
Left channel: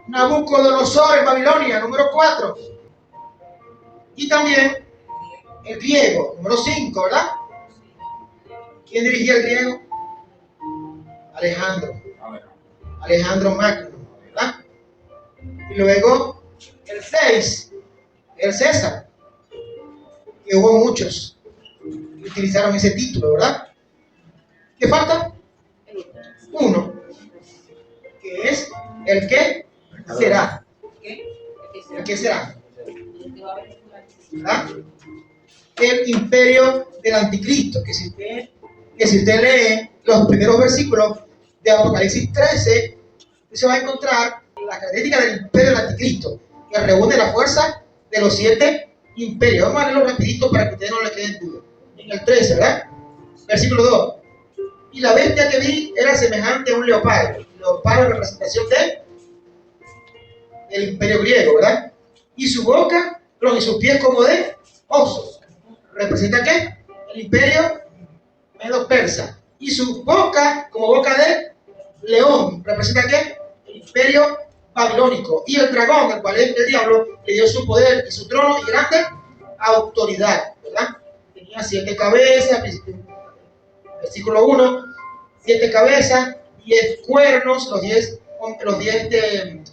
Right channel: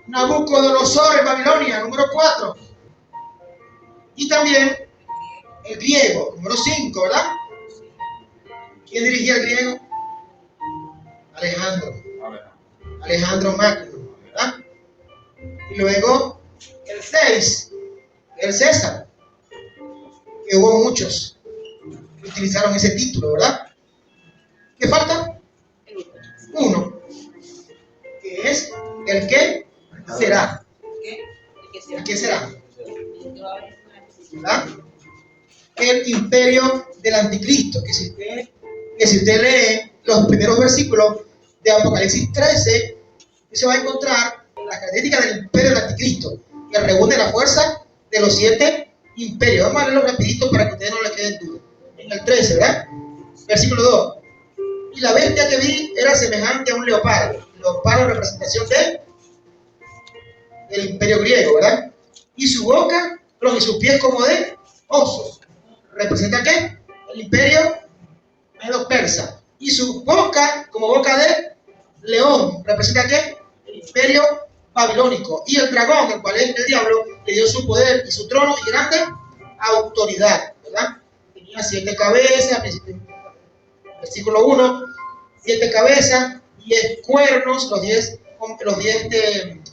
Nabucodonosor en Babilonia, número 4. Y también el griego, número 5, ¿verdad? ¿Quién dirigía el griego? Alejandro Magno, ¿verdad? Y luego el 6, el César, que hubo muchos que utilizaron ese título, ¿verdad? ¿Qué falta? Uno, que es el que será. ¿El que será? ¿Verdad? El imperio del anticristo, que si usted lee los primeros versículos de Apocalipsis 13, se va a encontrar la característica del imperio del anticristo, que reúne la fuerza de los 7 imperios. Vamos a leerlo rapidito para que a ustedes no les queden dudas. En el 13, ¿verdad? Versículo 2. Y la bestia que vi era semejante a un leopardo. Leopardo, representación del imperio griego, ¿verdad? Y su boca, y sus pies como de oso. ¿Representa qué? El imperio medo-persa. Y su boca como boca de león. ¿Representa qué? El imperio babilónico. Y el dragón, el cual es el diablo, le dio su poder y su trono y grande autoridad, ¿verdad? Tenía 7 cabezas, versículo 1, 7 cabezas, 10 cuernos, los 10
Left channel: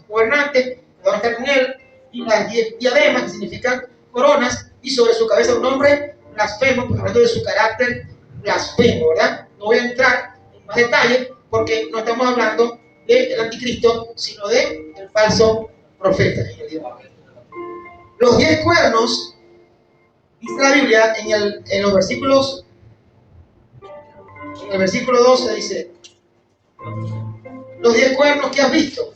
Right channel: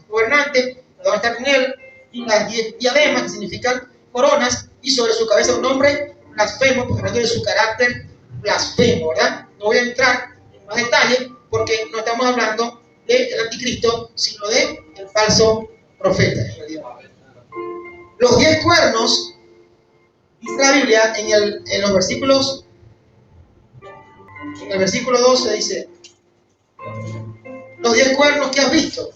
gobernantes que van a estar con él, y las 10 diademas, que significan coronas, y sobre su cabeza un nombre blasfemo, pues hablando de su carácter blasfemo, ¿verdad? No voy a entrar en más detalle porque no estamos hablando del anticristo, sino del falso profeta. Los 10 cuernos, dice la Biblia en los versículos, en el versículo 12 dice: los 10 cuernos que has visto,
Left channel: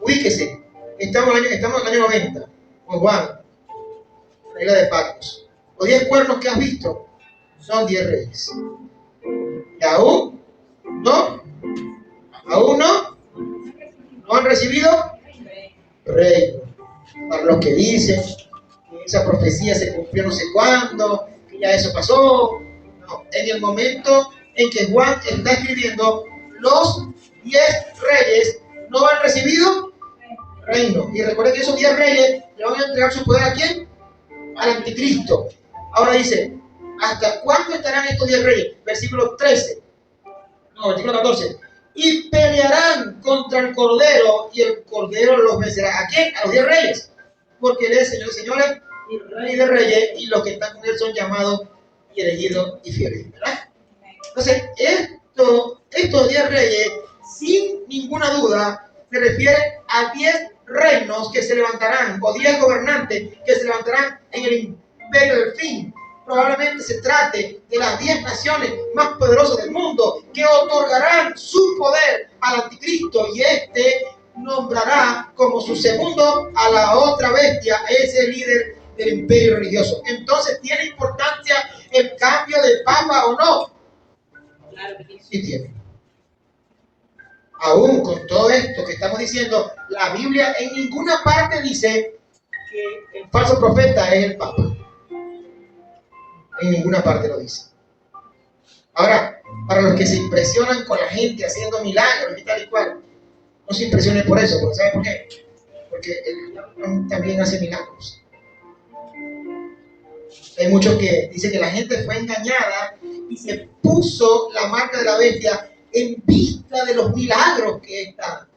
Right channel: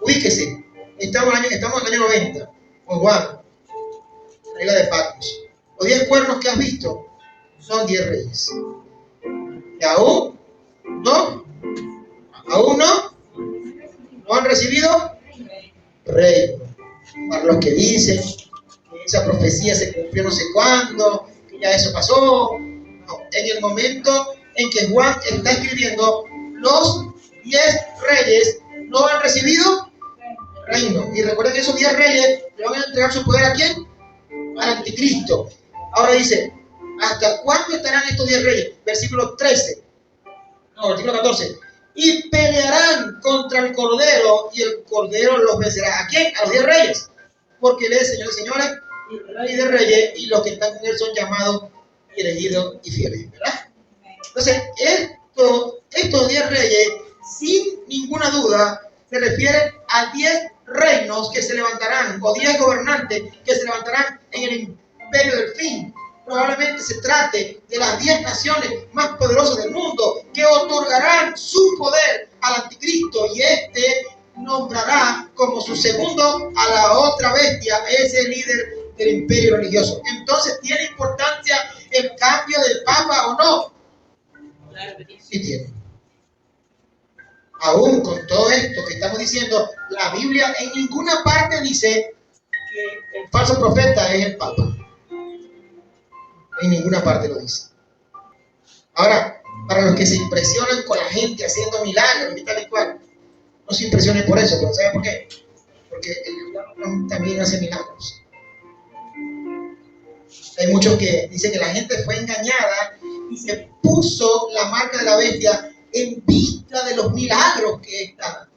ubíquese, estamos en el año 90, con Juan, en la isla de Patmos. Los 10 cuernos que has visto son 10 reyes. Y aún no han recibido reino. Para los que dicen que esa profecía se cumplió no sé cuándo, que ya eso pasó. No, en el momento en que Juan está escribiendo, los 10 reyes no han recibido reino. Y recuerden que esos 10 reyes le van a entregar su poder ¿a quién? Al anticristo. Ahora dice: ¿hasta cuándo estarán estos 10 reyes? Versículo 14. Y pelearán contra el Cordero, y el Cordero los vencerá. ¿A quién? A los 10 reyes. Porque Él es Señor de señores y Rey de reyes, y los que están con Él son llamados y elegidos y fieles, ¿verdad? Entonces, estos 10 reyes, sin ninguna duda, se refieren a 10 reinos que se levantarán, o 10 gobernantes que se levantarán en el imperio del fin. Probablemente se trate de las 10 naciones más poderosas del mundo que otorgarán su poder al anticristo, y este nombrará como su segundo a la otra bestia, ese líder del imperio religioso. Entonces, ¿tiene importancia el cambio de papa o no? Claro que sí. Sí tiene. Aún con todo esto que estamos diciendo, la Biblia en ninguna parte dice que el falso profeta es el papa. En ninguna parte lo dice. Ahora, para los que se impresionan con la gente haciendo milagros y tal y cual, no se impresionen por eso, pero ¿saben por qué? Porque el diablo también hace milagros. Hay muchos que dicen que la gente fue engañada y se puso la marca de la bestia en vista de los milagros que esta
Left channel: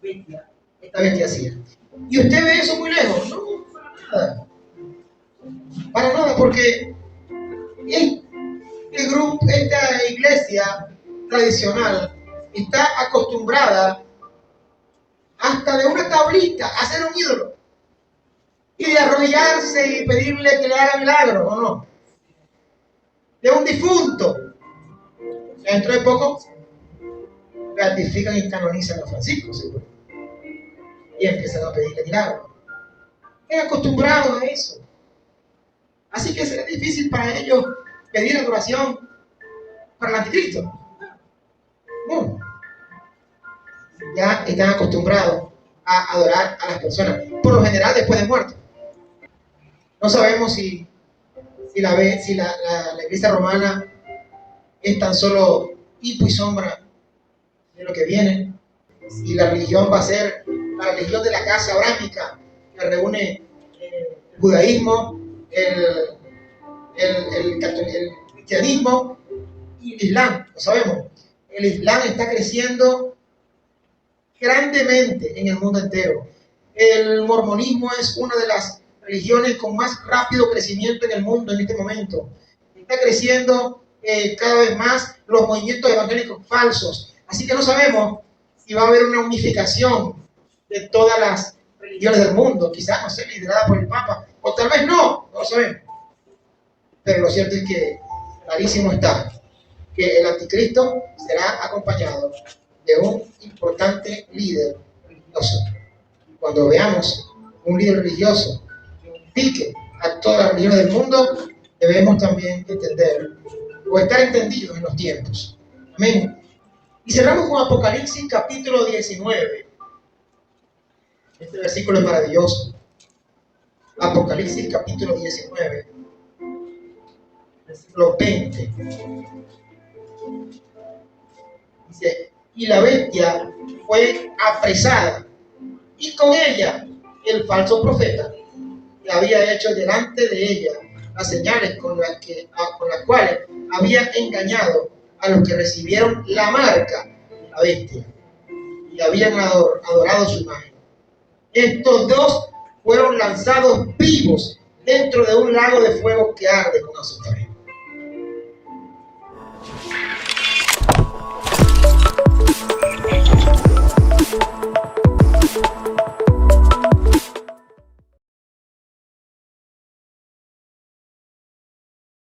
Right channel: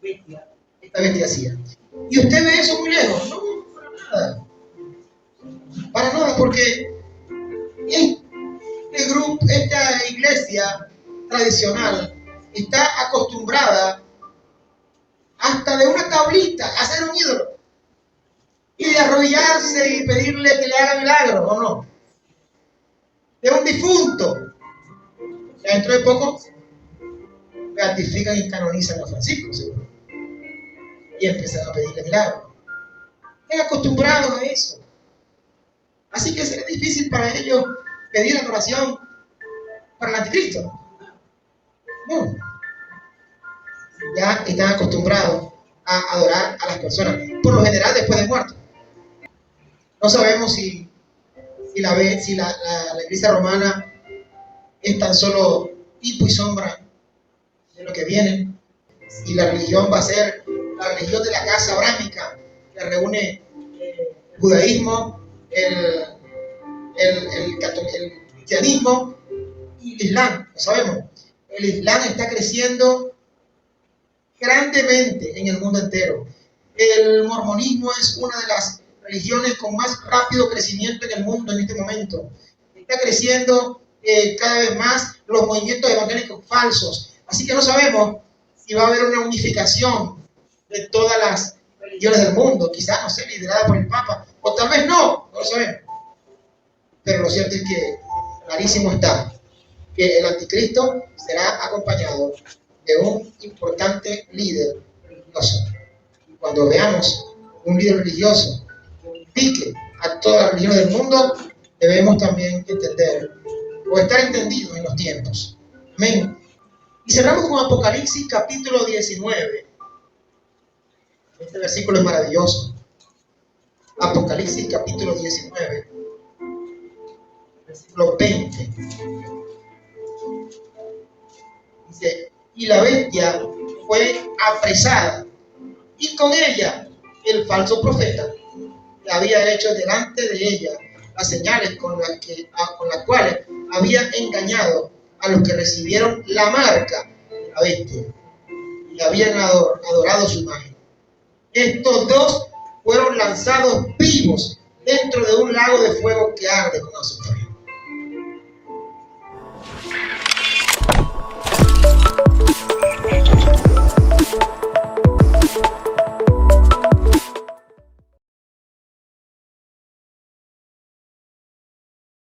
bestia hacía. Y usted ve eso muy lejos. No, para nada. Para nada, porque esta iglesia tradicional está acostumbrada hasta de una tablita a hacer un ídolo y de arrodillarse y pedirle que le haga milagros, ¿o no? De un difunto. Dentro de poco ratifican y canonizan a Francisco, seguro, y empiezan a pedirle milagros. Están acostumbrados a eso. Así que será difícil para ellos pedir adoración para el anticristo. No. Ya están acostumbrados a adorar a las personas, por lo general después de muerto. No sabemos si la iglesia romana es tan solo tipo y sombra de lo que viene, y la religión va a ser la religión de la casa abrámica, que reúne el judaísmo, el cristianismo y el islam. Lo sabemos, el islam está creciendo grandemente en el mundo entero. El mormonismo es una de las religiones con más rápido crecimiento en el mundo en este momento. Está creciendo cada vez más los movimientos evangélicos falsos. Así que no sabemos si va a haber una unificación de todas las religiones del mundo. Quizás, no sé, liderada por el Papa. O tal vez no lo sabemos. Pero lo cierto es que clarísimo está que el anticristo será acompañado de un importante líder religioso. Cuando veamos un líder religioso que unifique a todas las religiones del mundo, debemos también entender o estar entendidos en los tiempos. Amén. Y cerramos con Apocalipsis capítulo 19. Este versículo es maravilloso. Apocalipsis capítulo 19, versículo 20. Dice, y la bestia fue apresada, y con ella el falso profeta, que había hecho delante de ella las señales con las cuales había engañado a los que recibieron la marca de la bestia y habían adorado su imagen. Estos dos fueron lanzados vivos dentro de un lago de fuego que arde con azufre.